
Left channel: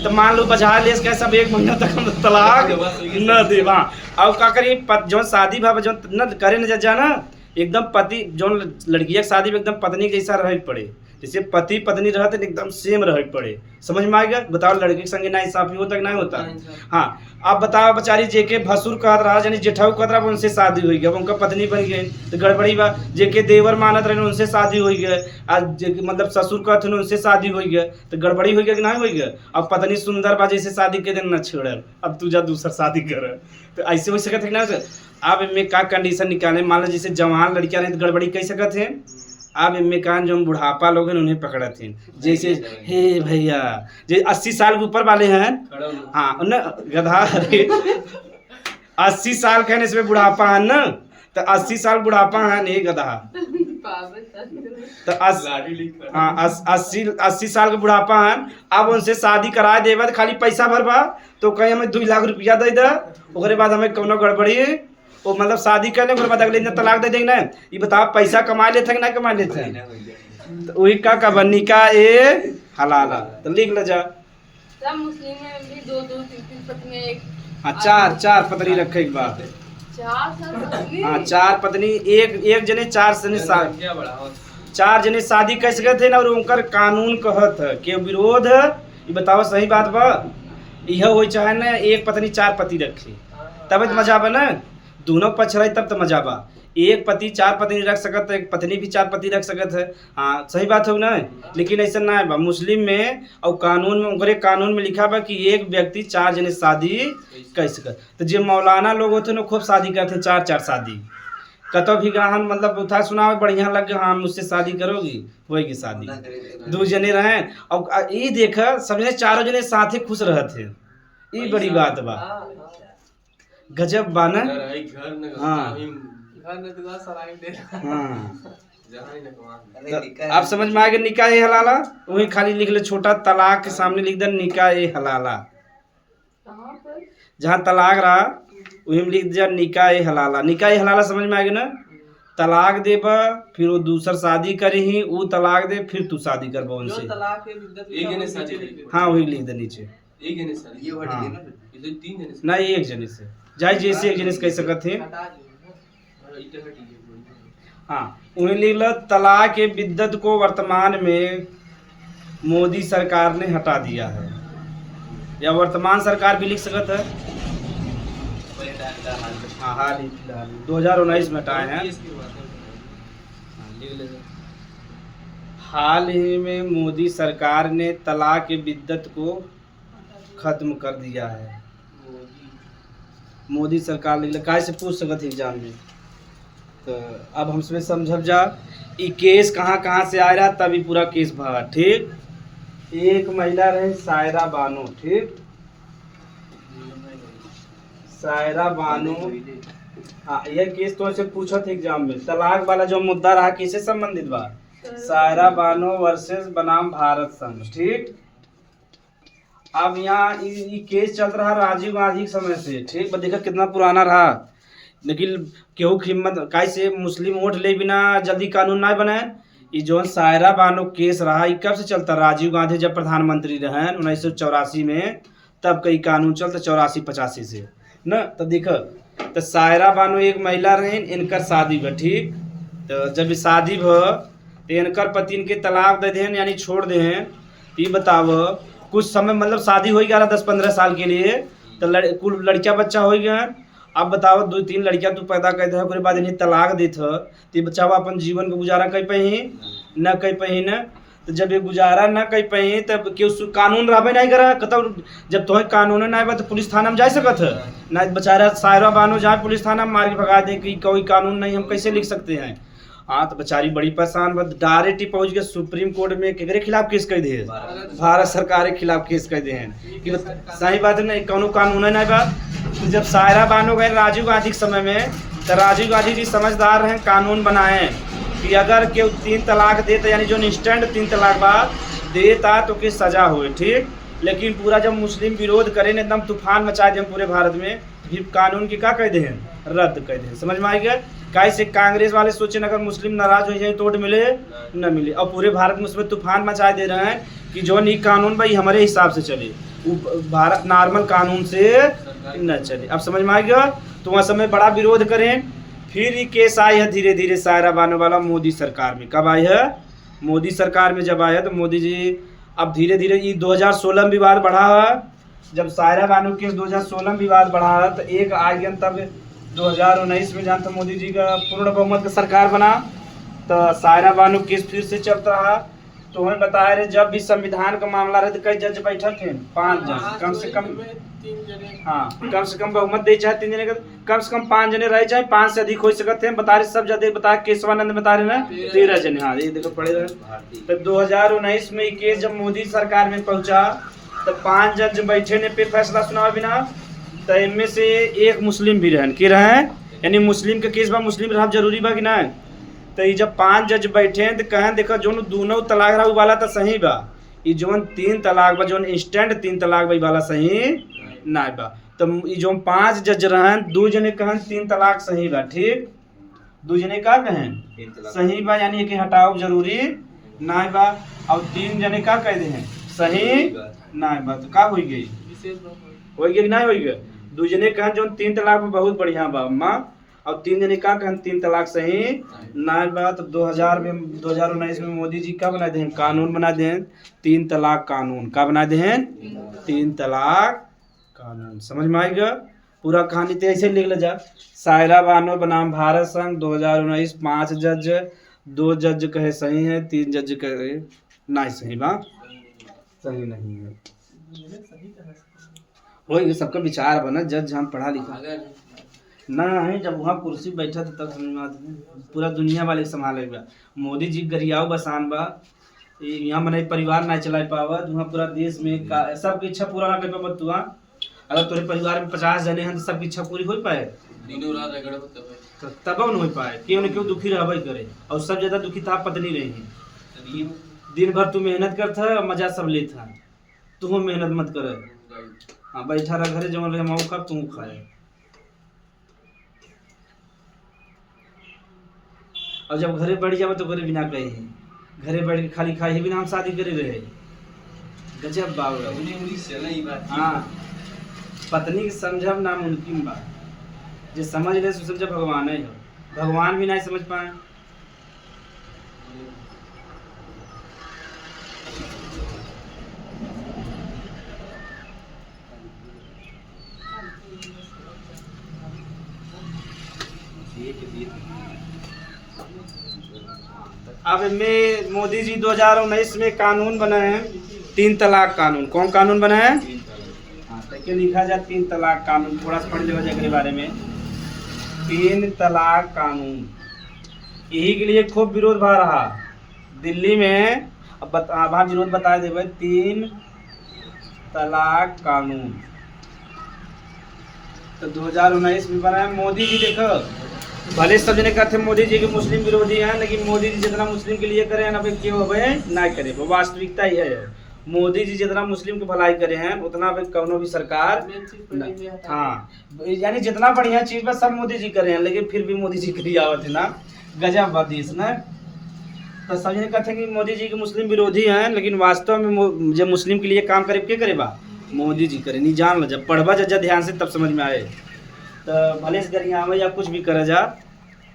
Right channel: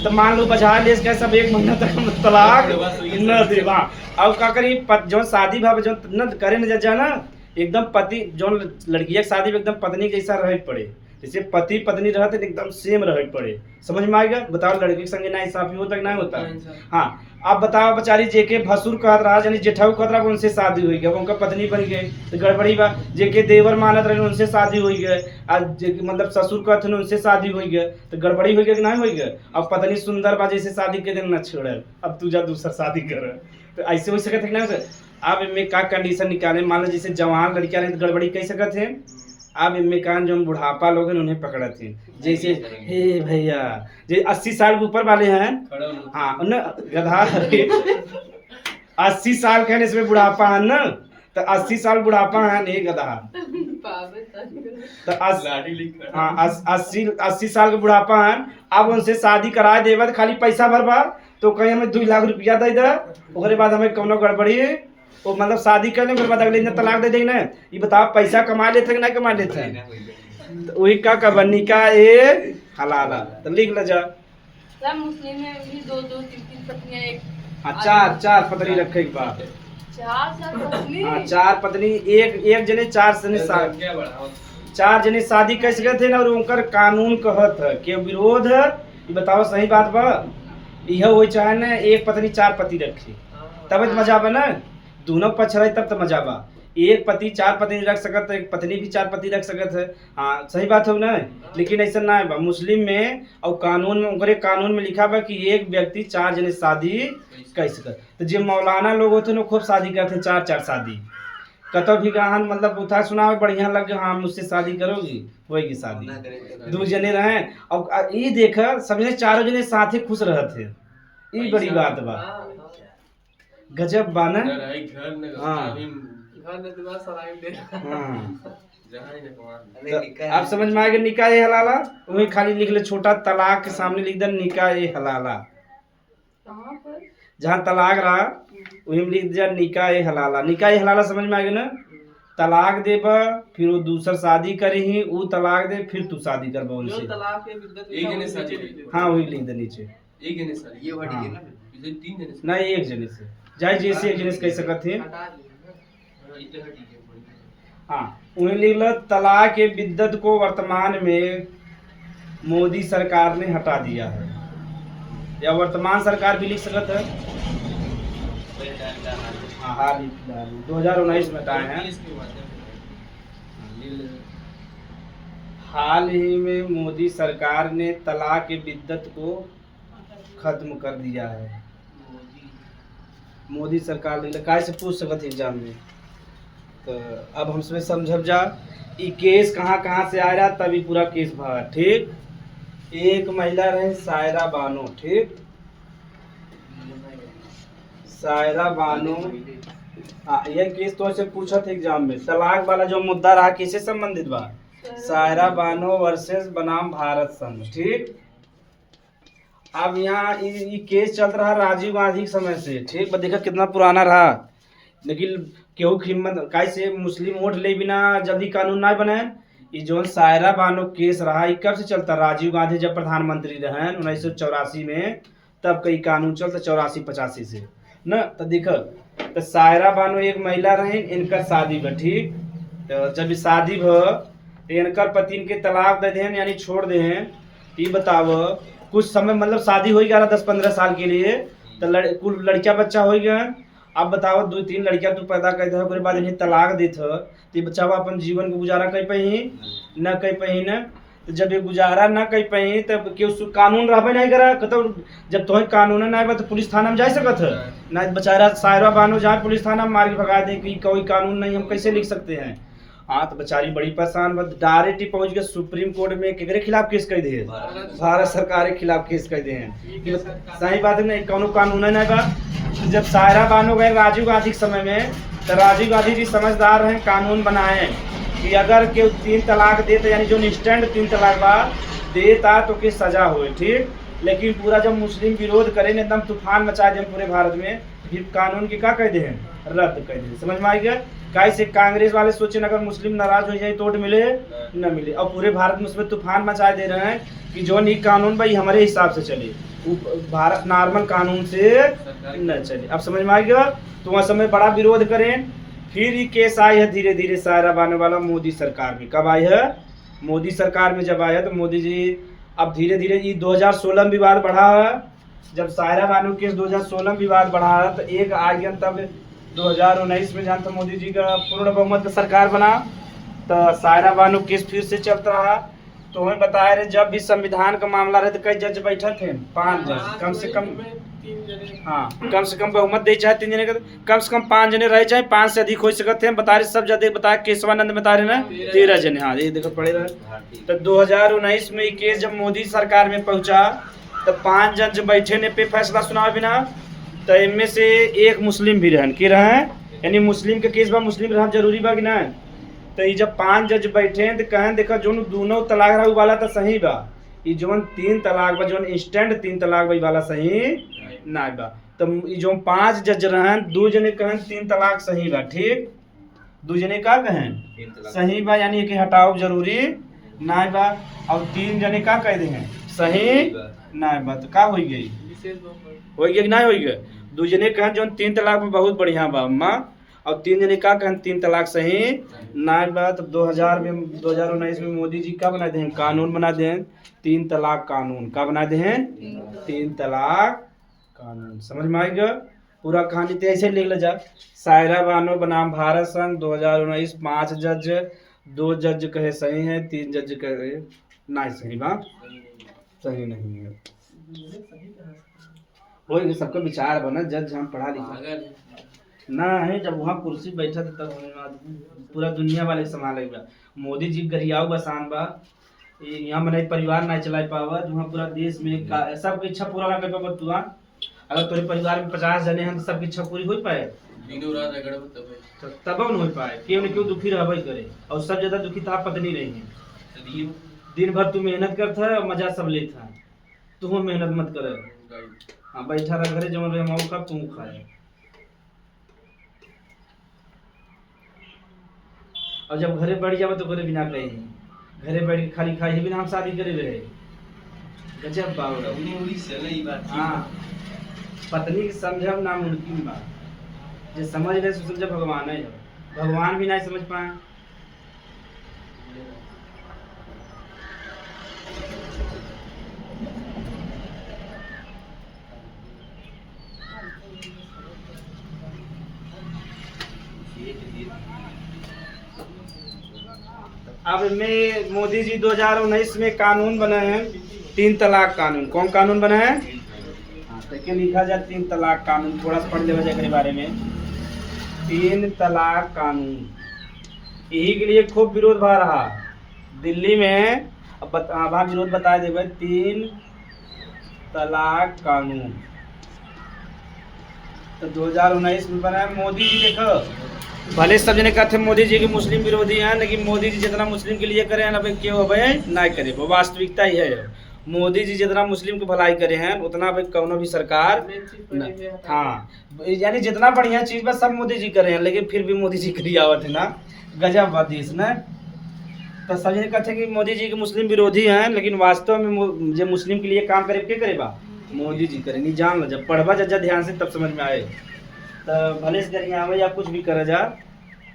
तो मान लो बचा ले सब 1 महीना तक तलाक न दे वहाँ अब का करी जो शादी भाव जो न करे न जा ना एकदम पति जो लड़की की शादी में एकदम पत्नी जैसा रह पड़े जैसे पति पत्नी रहते एकदम सेम रह पड़े, समझ में आ गया। बताओ लड़के के संगे ना इंसाफी होता कि नहीं होता। हाँ अब बताओ बेचारी जेके भसुर कहत रहा यानी जेठाऊ कहत रहा उनसे शादी हुई गया, उनका पत्नी बन गई तो गड़बड़ी बा। जेके देवर मानत रहे उनसे शादी हुई गया, आज जेके मतलब ससुर कहत उनसे शादी हुई गया तो गड़बड़ी हुई गया कि नहीं हुई गया। अब पत्नी सुंदर बा जैसे शादी के दिन न छोड़ल, अब तू जा दूसरा शादी कर, तो ऐसे हो सकत है ना। अब इनमें का कंडीशन निकाले, मान लो जैसे जवान लड़कियां रहे तो गड़बड़ी कह सकत है। अब इनमें कान जो बुढ़ापा लोग हैं उन्हें पकड़त हैं, जैसे हे भैया जो 80 साल के ऊपर वाले हैं, हाँ न गधा 80 साल के हैं इसमें बुढ़ापा है ना, तो 80 साल बुढ़ापा है नहीं गधा, तो 80 साल के बुढ़ापा है। अब उनसे शादी करा देवा तो खाली पैसा भरबा तो कहीं हमें 2 लाख रुपया दे दे, उसके बाद हमें कोनो गड़बड़ी वो मतलब शादी कर ले, बाद अगले दिन तलाक दे देंगे ना। ये बताओ पैसा कमा लेते हैं कि नहीं कमा लेते हैं, तो वही का निकाह ए हलाला तो लिख ले जा। सब मुस्लिम में भी 2-2 3-3 पत्नी एक, हाँ 4 पत्नी रखे एक बात, 4 पत्नी, हाँ 4 पत्नी एक जने 4 जने शादी, 4 जने शादी कर सकते थे ना। और उनकर कानून कहत है कि विरोध है, ये बताओ सही बात बा। यह हो चाहे ना एक पत्नी 4 पति रखे तब तो मजा बा ना, दोनों पक्ष रहे तब तो मजा बा। एक पति 4 पत्नी रख सकत है, एक पत्नी भी 4 पति रख सकत है, हाँ सही बात है ना। लेकिन ऐसा ना है बा मुस्लिम में, और कानून में उनके कानून में लिखा बा कि एक व्यक्ति 4 जने शादी कर सकत। तो जो मौलाना लोग होते ना खूब शादी करते 4 शादी, कतो भी गाहन मतलब उठा सुना बढ़िया लगे, हाँ मुझसे शादी करोगी होगी शादी, 2 जने रहे। और ये देखा समझे 4 जने साथ ही खुश रहते, ये बड़ी बात बा, गजब बा ना। हाँ आप समझ में आ गया। निकाह ए हलाला वही खाली लिख ले, छोटा तलाक के सामने लिख दे निकाह ए हलाला, जहाँ तलाक रहा वही में लिख दिया निकाह ए हलाला। निकाह ए हलाला समझ में आ गया ना। तलाक देबा फिर वो दूसर शादी करी, वो तलाक दे फिर तू शादी करबा उनसे, हाँ वही लिख दे नीचे, ना एक जने से जाए जैसे एक जने से कह सकते हैं। हाँ उन्हें लिख लो तलाक के बिद्दत को वर्तमान में मोदी सरकार ने हटा दिया है, या वर्तमान सरकार भी लिख सकता है। हाँ हाल ही फिलहाल 2019 में हटाए हैं, हाल ही में मोदी सरकार ने तलाक के बिद्दत को खत्म कर दिया है। मोदी सरकार लिख ले से पूछ सकते एग्जाम में, तो अब हमसे समझल जा ये केस कहाँ से आ रहा तभी पूरा केस भरा। ठीक, एक महिला रहे सायरा बानो, ठीक सायरा बानो, हाँ यह केस तो ऐसे पूछा था एग्जाम में। तलाक वाला जो मुद्दा रहा किससे संबंधित बा, सायरा बानो वर्सेस बनाम भारत संघ। ठीक, अब यहाँ ये केस चल रहा राजीव गांधी के समय से, ठीक देखा कितना पुराना रहा। लेकिन केहू हिम्मत कैसे मुस्लिम वोट ले बिना जल्दी कानून ना बने। ये जो सायरा बानो केस रहा ये कब से चलता, राजीव गांधी जब प्रधानमंत्री रहे 1984 में, तब कई कानून चलते 84-85 से न। तो देख तो सायरा बानो एक महिला रहे, इनकर शादी भ, ठीक तो जब शादी भ तो इनकर पति इनके तलाक दे दें यानी छोड़ दे। ये बताओ कुछ समय मतलब शादी हो गया 10-15 साल के लिए, तो कुल लड़कियां बच्चा हो गया। अब बताओ 2-3 लड़कियां तू पैदा कर दे, उसके बाद इन्हें तलाक दे तो ये बच्चा अपन जीवन का गुजारा कर पाही न कर पाही न। तो जब ये गुजारा न कर पाही तब क्यों कानून रहबे नहीं करा, कतो जब तुम्हें कानून ना आए तो पुलिस थाना में जा सकत है ना। बेचारा सायरा बानो जाए पुलिस थाना में मार के भगा दे कि कोई कानून नहीं, हम कैसे लिख सकते हैं। हाँ तो बेचारी बड़ी परेशान, डायरेक्ट ही पहुंच गए सुप्रीम कोर्ट में, केकरे खिलाफ केस कर दे, भारत सरकार के खिलाफ केस कर दे हैं। सही बात है नहीं, कौन कानून नहीं बा। जब सायरा बानो गए राजीव गांधी के समय में, तो राजीव गांधी जी समझदार हैं, कानून बनाए कि अगर केहू 3 तलाक देता यानी जो इंस्टेंट 3 तलाक बाद देता तो के सजा हुए। ठीक, लेकिन पूरा जब मुस्लिम विरोध करें एकदम तूफान मचा दे पूरे भारत में, फिर कानून की क्या कह दे हैं, रद्द कर दे। समझ में आ गया। कैसे कांग्रेस वाले सोचे अगर मुस्लिम नाराज हो जाए तो वोट मिले न मिले, और पूरे भारत में उसमें तूफान मचा दे रहे हैं कि जो नी कानून भाई हमारे हिसाब से चले, भारत नॉर्मल कानून से न चले। अब समझ में आ गया। तो वहाँ समय बड़ा विरोध करें, फिर ये केस आई है धीरे धीरे सायरा बानो वाला मोदी सरकार में। कब आई है, मोदी सरकार में जब आए तो मोदी जी अब धीरे धीरे ये 2016 में विवाद बढ़ा है। जब सायरा बानू केस 2016 में विवाद बढ़ा है तो एक आ गया तब 2019 में जहाँ मोदी जी का पूर्ण बहुमत का सरकार बना तो सायरा बानू केस फिर से चलता रहा। तो हमें बताया रहे जब भी संविधान का मामला रहे तो कई जज बैठे थे, 5 जज कम से कम, हाँ कम से कम बहुमत दे चाहे 3 जने का, कम से कम 5 जने रहे चाहे 5 से अधिक हो सकते हैं। बता रहे सब जज बताया, केशवानंद बता रहे ना 13 जने, हाँ ये देखो पड़ेगा। तो 2019 में ये केस जब मोदी सरकार में पहुंचा तो 5 जज बैठे ने पे फैसला सुना बिना, तो इनमें से एक मुस्लिम भी रहन के रहे, यानी मुस्लिम के केस बा मुस्लिम रहना जरूरी बा कि ना। तो ये जब 5 जज बैठे तो कहें देखो जो दोनों तलाक रहा वाला तो सही बा, ये जो 3 तलाक बा जो इंस्टेंट 3 तलाक बा वाला सही ना बा। तो ये जो 5 जज रहन 2 जने कहें 3 तलाक सही बा, ठीक 2 जने का कहें सही बा, यानी कि हटाओ जरूरी ना बा, और 3 जने का कह दे हैं सही ना बा। तो का हो गई हो गया कि ना हो गया। 2 जने कहें जो 3 तलाक में बहुत बढ़िया बा अम्मा, और 3 जने का कहें 3 तलाक सही ना बा। तो 2019 में मोदी जी क्या बना दें, कानून बना दें 3 तलाक कानून। का बना दें 3 तलाक कानून। समझ में आएगा पूरा कहानी तो ऐसे लिख ले जा। सायरा बानो बनाम भारत संघ 2019 5 जज, 2 जज कहे सही है, 3 जज कहे ना सही बा, सही नहीं है। वही सबका विचार बना, जज हम पढ़ा लिखा ना है। जब वहाँ कुर्सी बैठा था तब पूरा दुनिया वाले संभालेगा। मोदी जी गरियाओ बसान बा, यहाँ मैंने परिवार ना चला पावा, वहाँ पूरा देश में सबकी इच्छा पूरा ना कर पावा। तू अगर तेरे परिवार में 50 जने हैं तो सबकी इच्छा पूरी हो पाए, दिनों रात रगड़ तब न हो पाए, क्यों न क्यों दुखी रह करे। और सब ज्यादा दुखी था पत्नी रही है, दिन भर तू मेहनत करता है और मजा सब लेता है, तू मेहनत मत करे। हाँ बैठा रह घरे जवन रहे मऊ का तू खाए। और जब घरे बैठ जाओ तो घरे बिना कहे घरे बैठ के खाली खाए बिना हम शादी करे रहे। गजब बात। हाँ पत्नी के समझब नामुमकिन बा, जो समझ ले सो समझ भगवान है, भगवान भी नहीं समझ पाए। अब में मोदी जी 2019 में कानून बने हैं 3 तलाक कानून। कौन कानून बने हैं? हाँ तो लिखा जाए 3 तलाक कानून। थोड़ा सा पढ़ लेगा के बारे में। 3 तलाक कानून यही के लिए खूब विरोध भा रहा दिल्ली में। अब वहाँ विरोध बता देवे 3 तलाक कानून। तो 2019 में बना है। मोदी जी देखो भले सब जने कहते मोदी जी के मुस्लिम विरोधी हैं, लेकिन मोदी जी जितना मुस्लिम के लिए करे हैं ना क्यों हो ना करे, वो वास्तविकता ही है। मोदी जी जितना मुस्लिम की भलाई करे हैं उतना कौनो भी सरकार हाँ यानी जितना बढ़िया चीज बस सब मोदी जी करे हैं, लेकिन फिर भी मोदी जी के लिए आवत है ना गजब बात देश ना। तो सब जने कहते हैं कि मोदी जी के मुस्लिम विरोधी हैं, लेकिन वास्तव में जो मुस्लिम के लिए काम करे के करे बा मोदी जी करे। नहीं जान लो जब पढ़वा जा ध्यान से तब समझ में आए। तो भले से गरिया में या कुछ भी करा जा,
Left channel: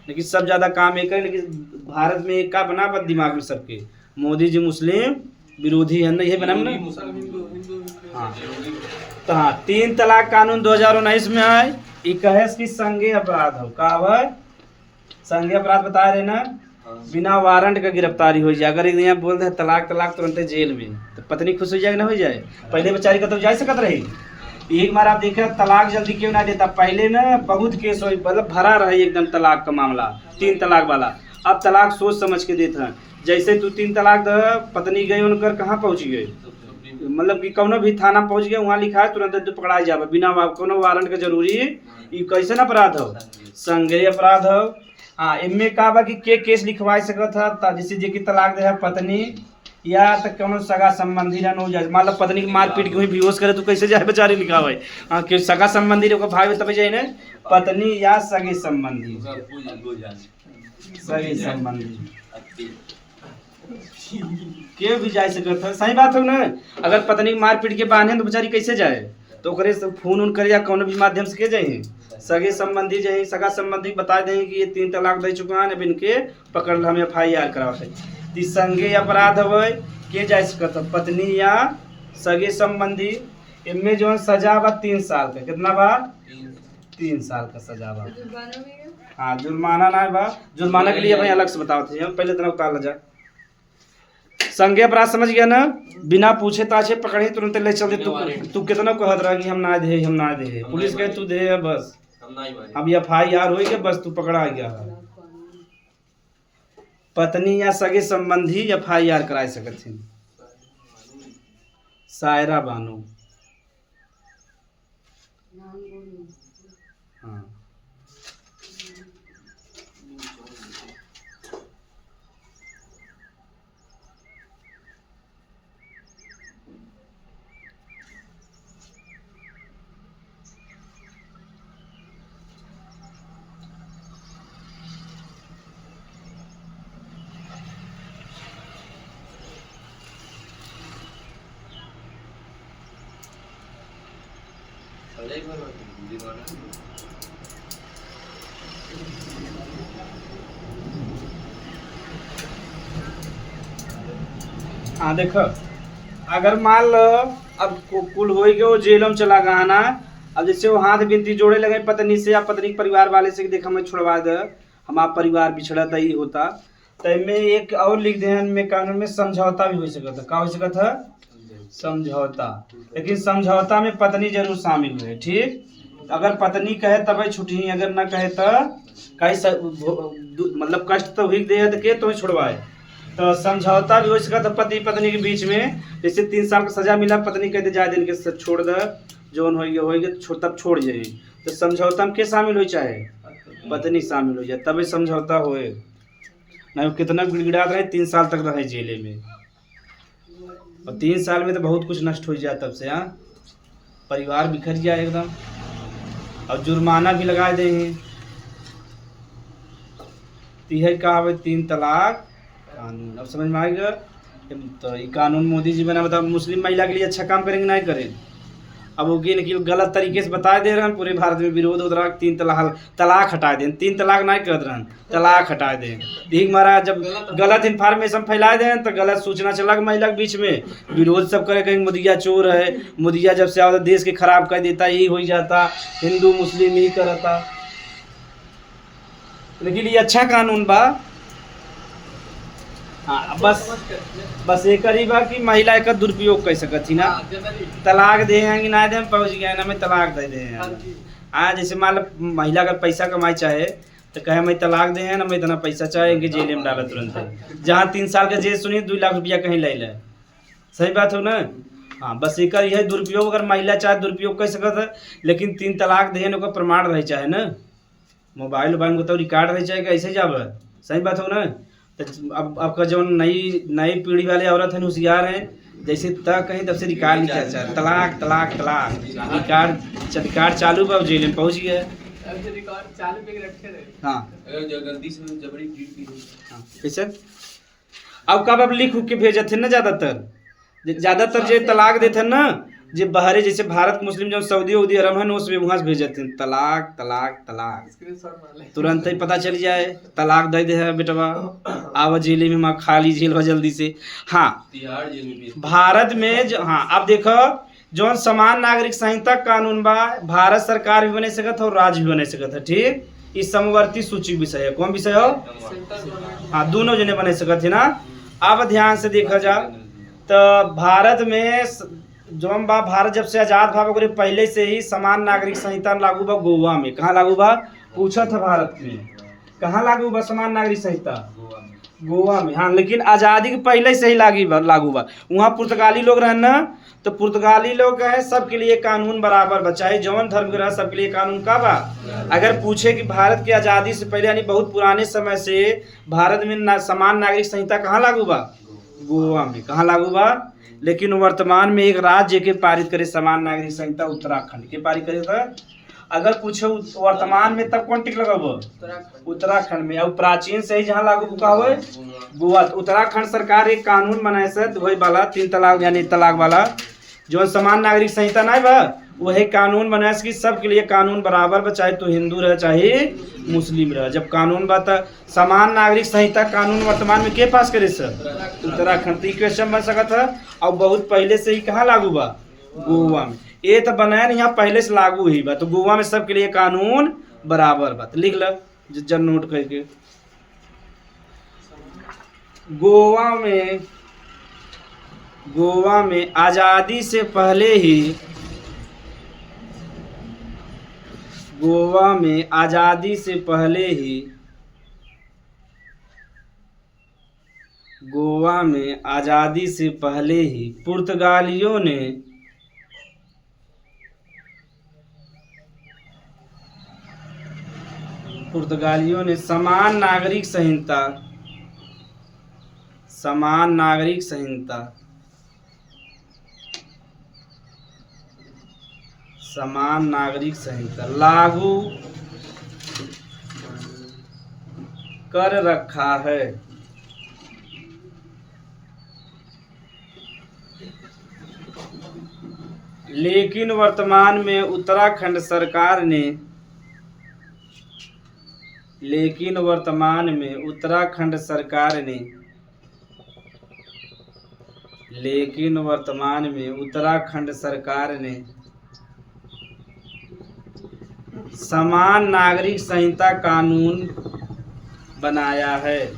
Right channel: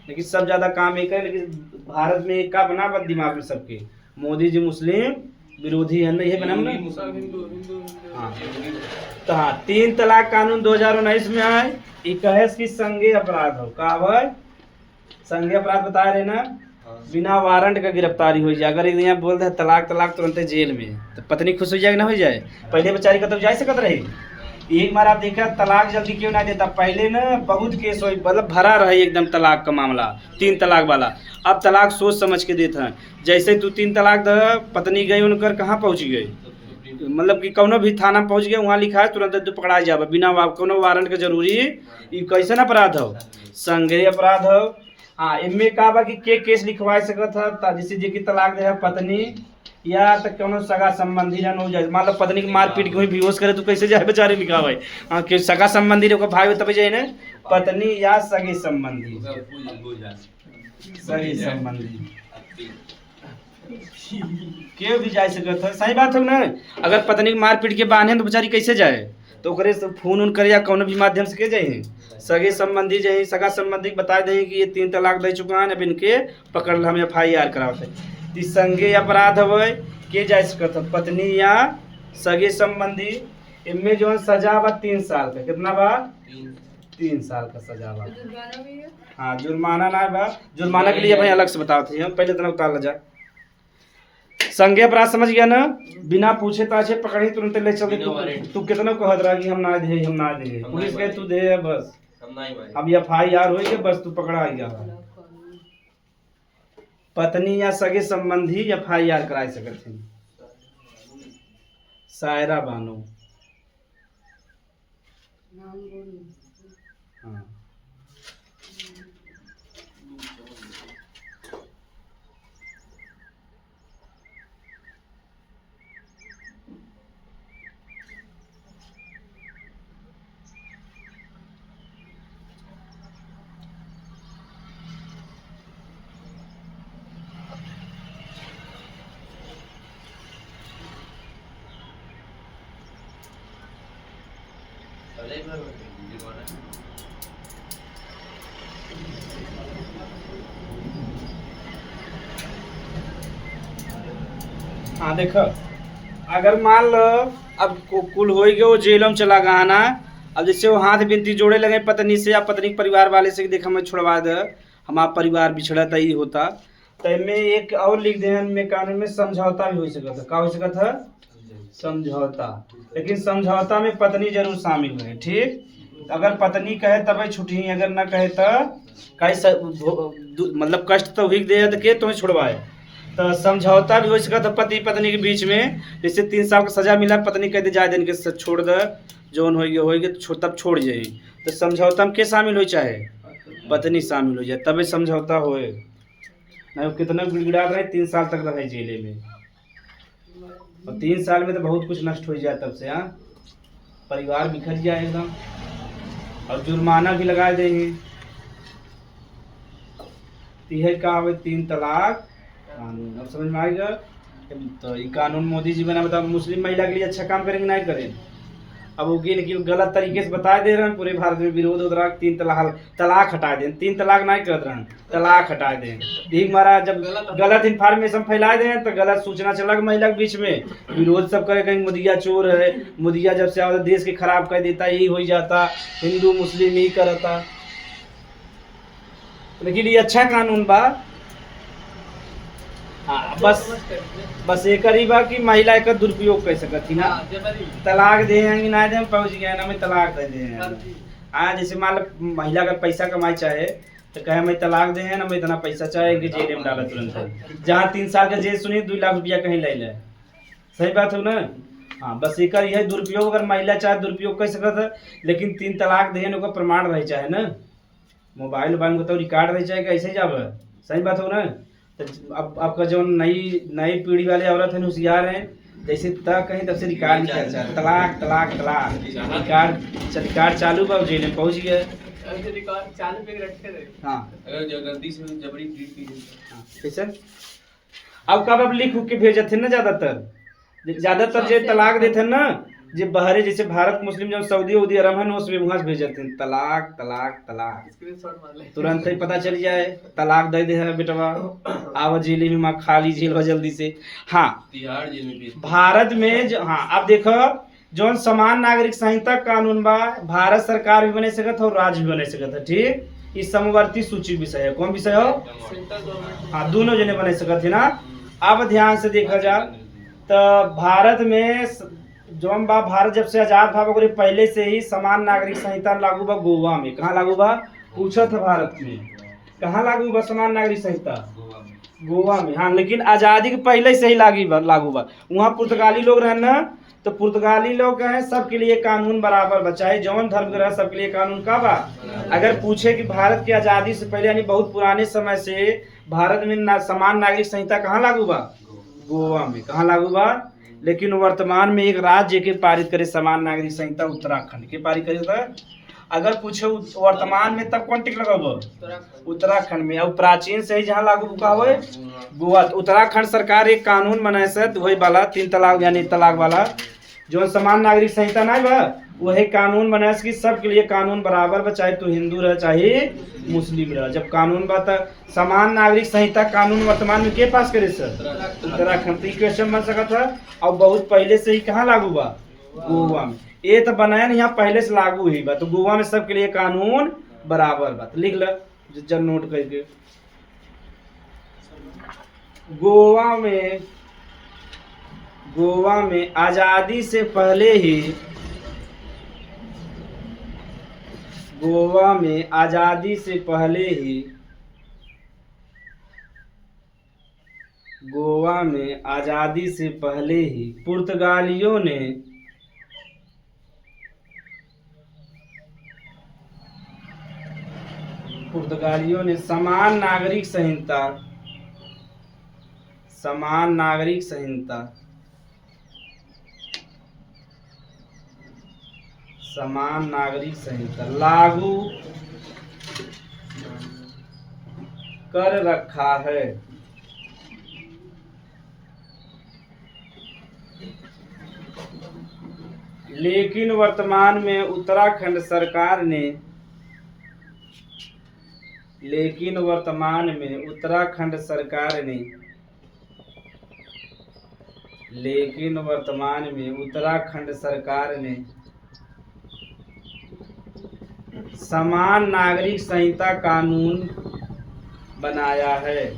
लेकिन सब ज़्यादा काम एक है। लेकिन भारत में एक का बना पर दिमाग में सबके मोदी जी मुस्लिम विरोधी है ना, ये बना ना। हाँ तो हाँ 3 तलाक कानून 2019 में है। ये कहे कि संज्ञेय अपराध हो का है, संज्ञेय अपराध बता रहे ना, बिना वारंट का गिरफ्तारी हो जाए। अगर एक दिन बोल दे तलाक तलाक तुरंत जेल में, तो पत्नी खुश हो जाए ना हो जाए। पहले बेचारी कतब जा सकत रही। एक बार आप देखा तलाक जल्दी क्यों ना देता, पहले ना बहुत केस हो मतलब भरा रहा एकदम तलाक का मामला 3 तलाक वाला। अब तलाक सोच समझ के देते हैं। जैसे तू 3 तलाक दे पत्नी गई उनकर कहाँ पहुँच गई, मतलब कि कौनो भी थाना पहुँच गया वहाँ लिखा है तुरंत पकड़ा जाए बिना कोनो वारंट के। जरूरी ये कैसे ना अपराध हो, संज्ञेय अपराध हो। हाँ इनमें का बा कि केस लिखवा सकता था, जैसे जे की तलाक दे पत्नी या तो कोनो सगा संबंधी ना हो जाए। मान लो पत्नी की मार पीट के बेहोश करे तो कैसे जाए बेचारे लिखावे। हाँ कि सगा संबंधी भाई तब जाए ना, पत्नी या सगे संबंधी, सगे संबंधी क्यों भी जा सकता था। सही बात हो ना। अगर पत्नी की मार पीट के बांधे तो बेचारी कैसे जाए, तो ओकरे फोन उन करे या कोनो भी माध्यम से के जाए। सगे संबंधी जाए, सगा संबंधी बता दें कि ये 3 तलाक दे चुका है, अब इनके पकड़ हमें FIR कराओ। ती संगे अपराध होवे के जा सकत है? पत्नी या सगे संबंधी। इनमें जो सजा बा 3 साल का। कितना बा? 3 साल का सजा बा। हाँ जुर्माना ना बा। जुर्माना के लिए भाई अलग से बताते हैं, पहले तरह उतार जा। संगे अपराध समझ गया ना? बिना पूछे ताछे पकड़े तुरंत ले चल दे। तू कितना कहत रहा कि हम ना दे पुलिस कहे तू दे बस। अब FIR होई के बस तू पकड़ा गया। पत्नी या सगे संबंधी FIR कराए सकत है। सायरा बानो। हाँ हाँ देखो, अगर मान लो अब कुल हो गए वो जेल में चला गया ना। अब जैसे वो हाथ बिनती जोड़े लगे पत्नी से या पत्नी के परिवार वाले से कि देखा मैं छुड़वा दे, हमारा परिवार बिछड़ा था ही होता। तो में एक और लिख दे में कानून में समझौता भी हो सकता है। का हो सकता है? समझौता। लेकिन समझौता में पत्नी जरूर शामिल है। ठीक, अगर पत्नी कहे तब छुट्टी, अगर ना कहे तो कहीं मतलब कष्ट तो हुई दे के तुम्हें छुड़वाए। तो समझौता भी हो सकता है पति पत्नी के बीच में। जैसे 3 साल का सजा मिला, पत्नी कहते जाए दिन के छोड़ दे, जो होगी तब छोड़ जाए। तो समझौता में के शामिल हो, चाहे पत्नी शामिल हो जाए तबे समझौता होए। नहीं कितना गिड़गिड़ा रहे 3 साल तक रहे जेले में, और 3 साल में तो बहुत कुछ नष्ट हो जाए तब से। हाँ, परिवार बिखर जाए एकदम, और जुर्माना भी लगा दे। यह का 3 तलाक कानून। अब समझ में आएगा? तो ये कानून मोदी जी बना, बताओ मुस्लिम महिला के लिए अच्छा काम करेंगे नहीं करें? अब वो गलत तरीके से बता दे रहे हैं, पूरे भारत में विरोध हो रहा। 3 तलाक हटा दें, 3 तलाक नहीं कर रहे हैं, तलाक हटा दें। ठीक महाराज, जब गलत इन्फॉर्मेशन फैला दें तो गलत सूचना चला महिला के बीच में, विरोध सब करे कहीं मुदिया चोर है, मुदिया जब से आता देश के खराब कर देता, यही हो जाता, हिंदू मुस्लिम यही करता। लेकिन ये अच्छा कानून बा। हाँ, बस एक ही बा कि महिला एक दुरुपयोग कर सकती ना। तलाक देंगे ना दे पहुँच गया ना मैं तलाक दे दें। हाँ, जैसे मान लो महिला अगर पैसा कमाई चाहे तो कहे मैं तलाक दे ना, मैं इतना पैसा चाहेंगे जेल में डाला तुरंत। जहाँ 3 साल का जेल सुनिए 2 लाख रुपया कहीं ले ले। सही बात हो ना? हाँ, बस एक यह दुरुपयोग, अगर महिला चाहे दुरुपयोग कर सकता है। लेकिन 3 तलाक देने का प्रमाण रहे चाहे ना, मोबाइल में तो रिकॉर्ड रहे चाहे ऐसे जाब। सही बात हो ना? तो अब आपका जो नई पीढ़ी वाले औरत है होशियार हैं, जैसे तक कहीं तब से रिकॉर्ड लिखा जाए तलाक तलाक तलाक, रिकॉर्ड चालू बा जेल में पहुँच गया। हाँ, अगर गलती से जबरी कैसे अब कब अब लिख के भेजे थे ना। ज़्यादातर जो तलाक देते ना, जो बाहरी जैसे भारत मुस्लिम जो सऊदी अरब है उसमें वहाँ से भेज जाते हैं तलाक तलाक तलाक। तुरंत ही पता चल जाए तलाक दे दे है बेटवा, आओ जेल में माँ खाली जेल हो जल्दी से। हाँ, तिहाड़ जेल में भारत में हाँ, अब देखो जो समान नागरिक संहिता कानून बा, भारत सरकार भी बने सकत और राज्य भी बने सकत है। ठीक, इस समवर्ती सूची विषय है। कौन विषय हो? हाँ, दोनों जने बने सकत है ना। अब ध्यान से देखा जा तो भारत में जो भारत जब से आजाद था पहले से ही समान नागरिक संहिता लागू बा गोवा में। कहाँ लागू बा पूछा था? भारत में कहाँ लागू बा समान नागरिक संहिता? गोवा में। हाँ, लेकिन आज़ादी के पहले से ही लागू बा। वहाँ पुर्तगाली लोग रहे ना, तो पुर्तगाली लोग है सबके लिए कानून बराबर बा, चाहे जौन धर्म के रहे सबके लिए कानून का बा। अगर पूछे कि भारत की आज़ादी से पहले यानी बहुत पुराने समय से भारत में समान नागरिक संहिता कहाँ लागू बा? गोवा में। कहाँ लागू बा? लेकिन वर्तमान में एक राज्य के पारित करे समान नागरिक संहिता उत्तराखंड के पारित करे था। अगर पूछो वर्तमान में तब कौन टिक लगाओ? उत्तराखंड में। और प्राचीन से ही जहाँ लागू का हो गोवा। उत्तराखंड सरकार एक कानून बनाए से वही वाला 3 तलाक यानी तलाक वाला जो समान नागरिक संहिता नहीं बा वही कानून बना कि सबके लिए कानून बराबर बा, चाहे तो हिंदू रहे चाहे मुस्लिम रहे। जब कानून बा त समान नागरिक संहिता कानून वर्तमान में के पास करे सर? उत्तराखंड। तो क्वेश्चन बन सकता है और बहुत पहले से ही कहाँ लागू बा? गोवा में। ये तो बनाया नहीं, यहाँ पहले से लागू ही बा, तो गोवा में सबके लिए कानून बराबर बा। तो लिख ल जब नोट करके, गोवा में आजादी से पहले ही, गोवा में आजादी से पहले ही, गोवा में आजादी से पहले ही पुर्तगालियों ने समान नागरिक संहिता लागू कर रखा है। लेकिन वर्तमान में उत्तराखंड सरकार ने समान नागरिक संहिता कानून बनाया है।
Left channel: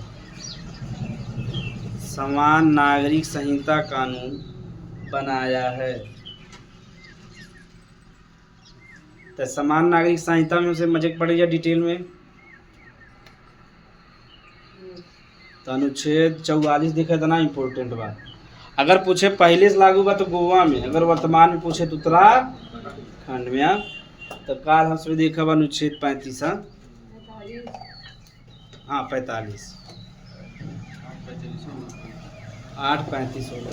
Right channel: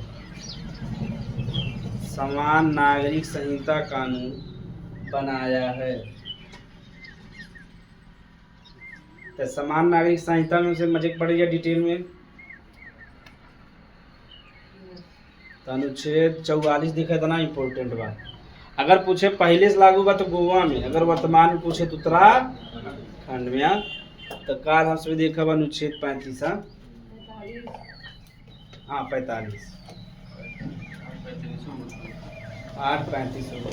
समान नागरिक संहिता कानून बनाया है। तो समान नागरिक संहिता में से मजे पड़ेगा डिटेल में। तो अनुच्छेद 44 देखा था ना, इम्पोर्टेंट बात। अगर पूछे पहले से लागू बा तो गोवा में, अगर वर्तमान में पूछे तो उत्तराखंड में। तो काल हम सभी देखा बा अनुच्छेद 35। हाँ 45 8:35 होगा।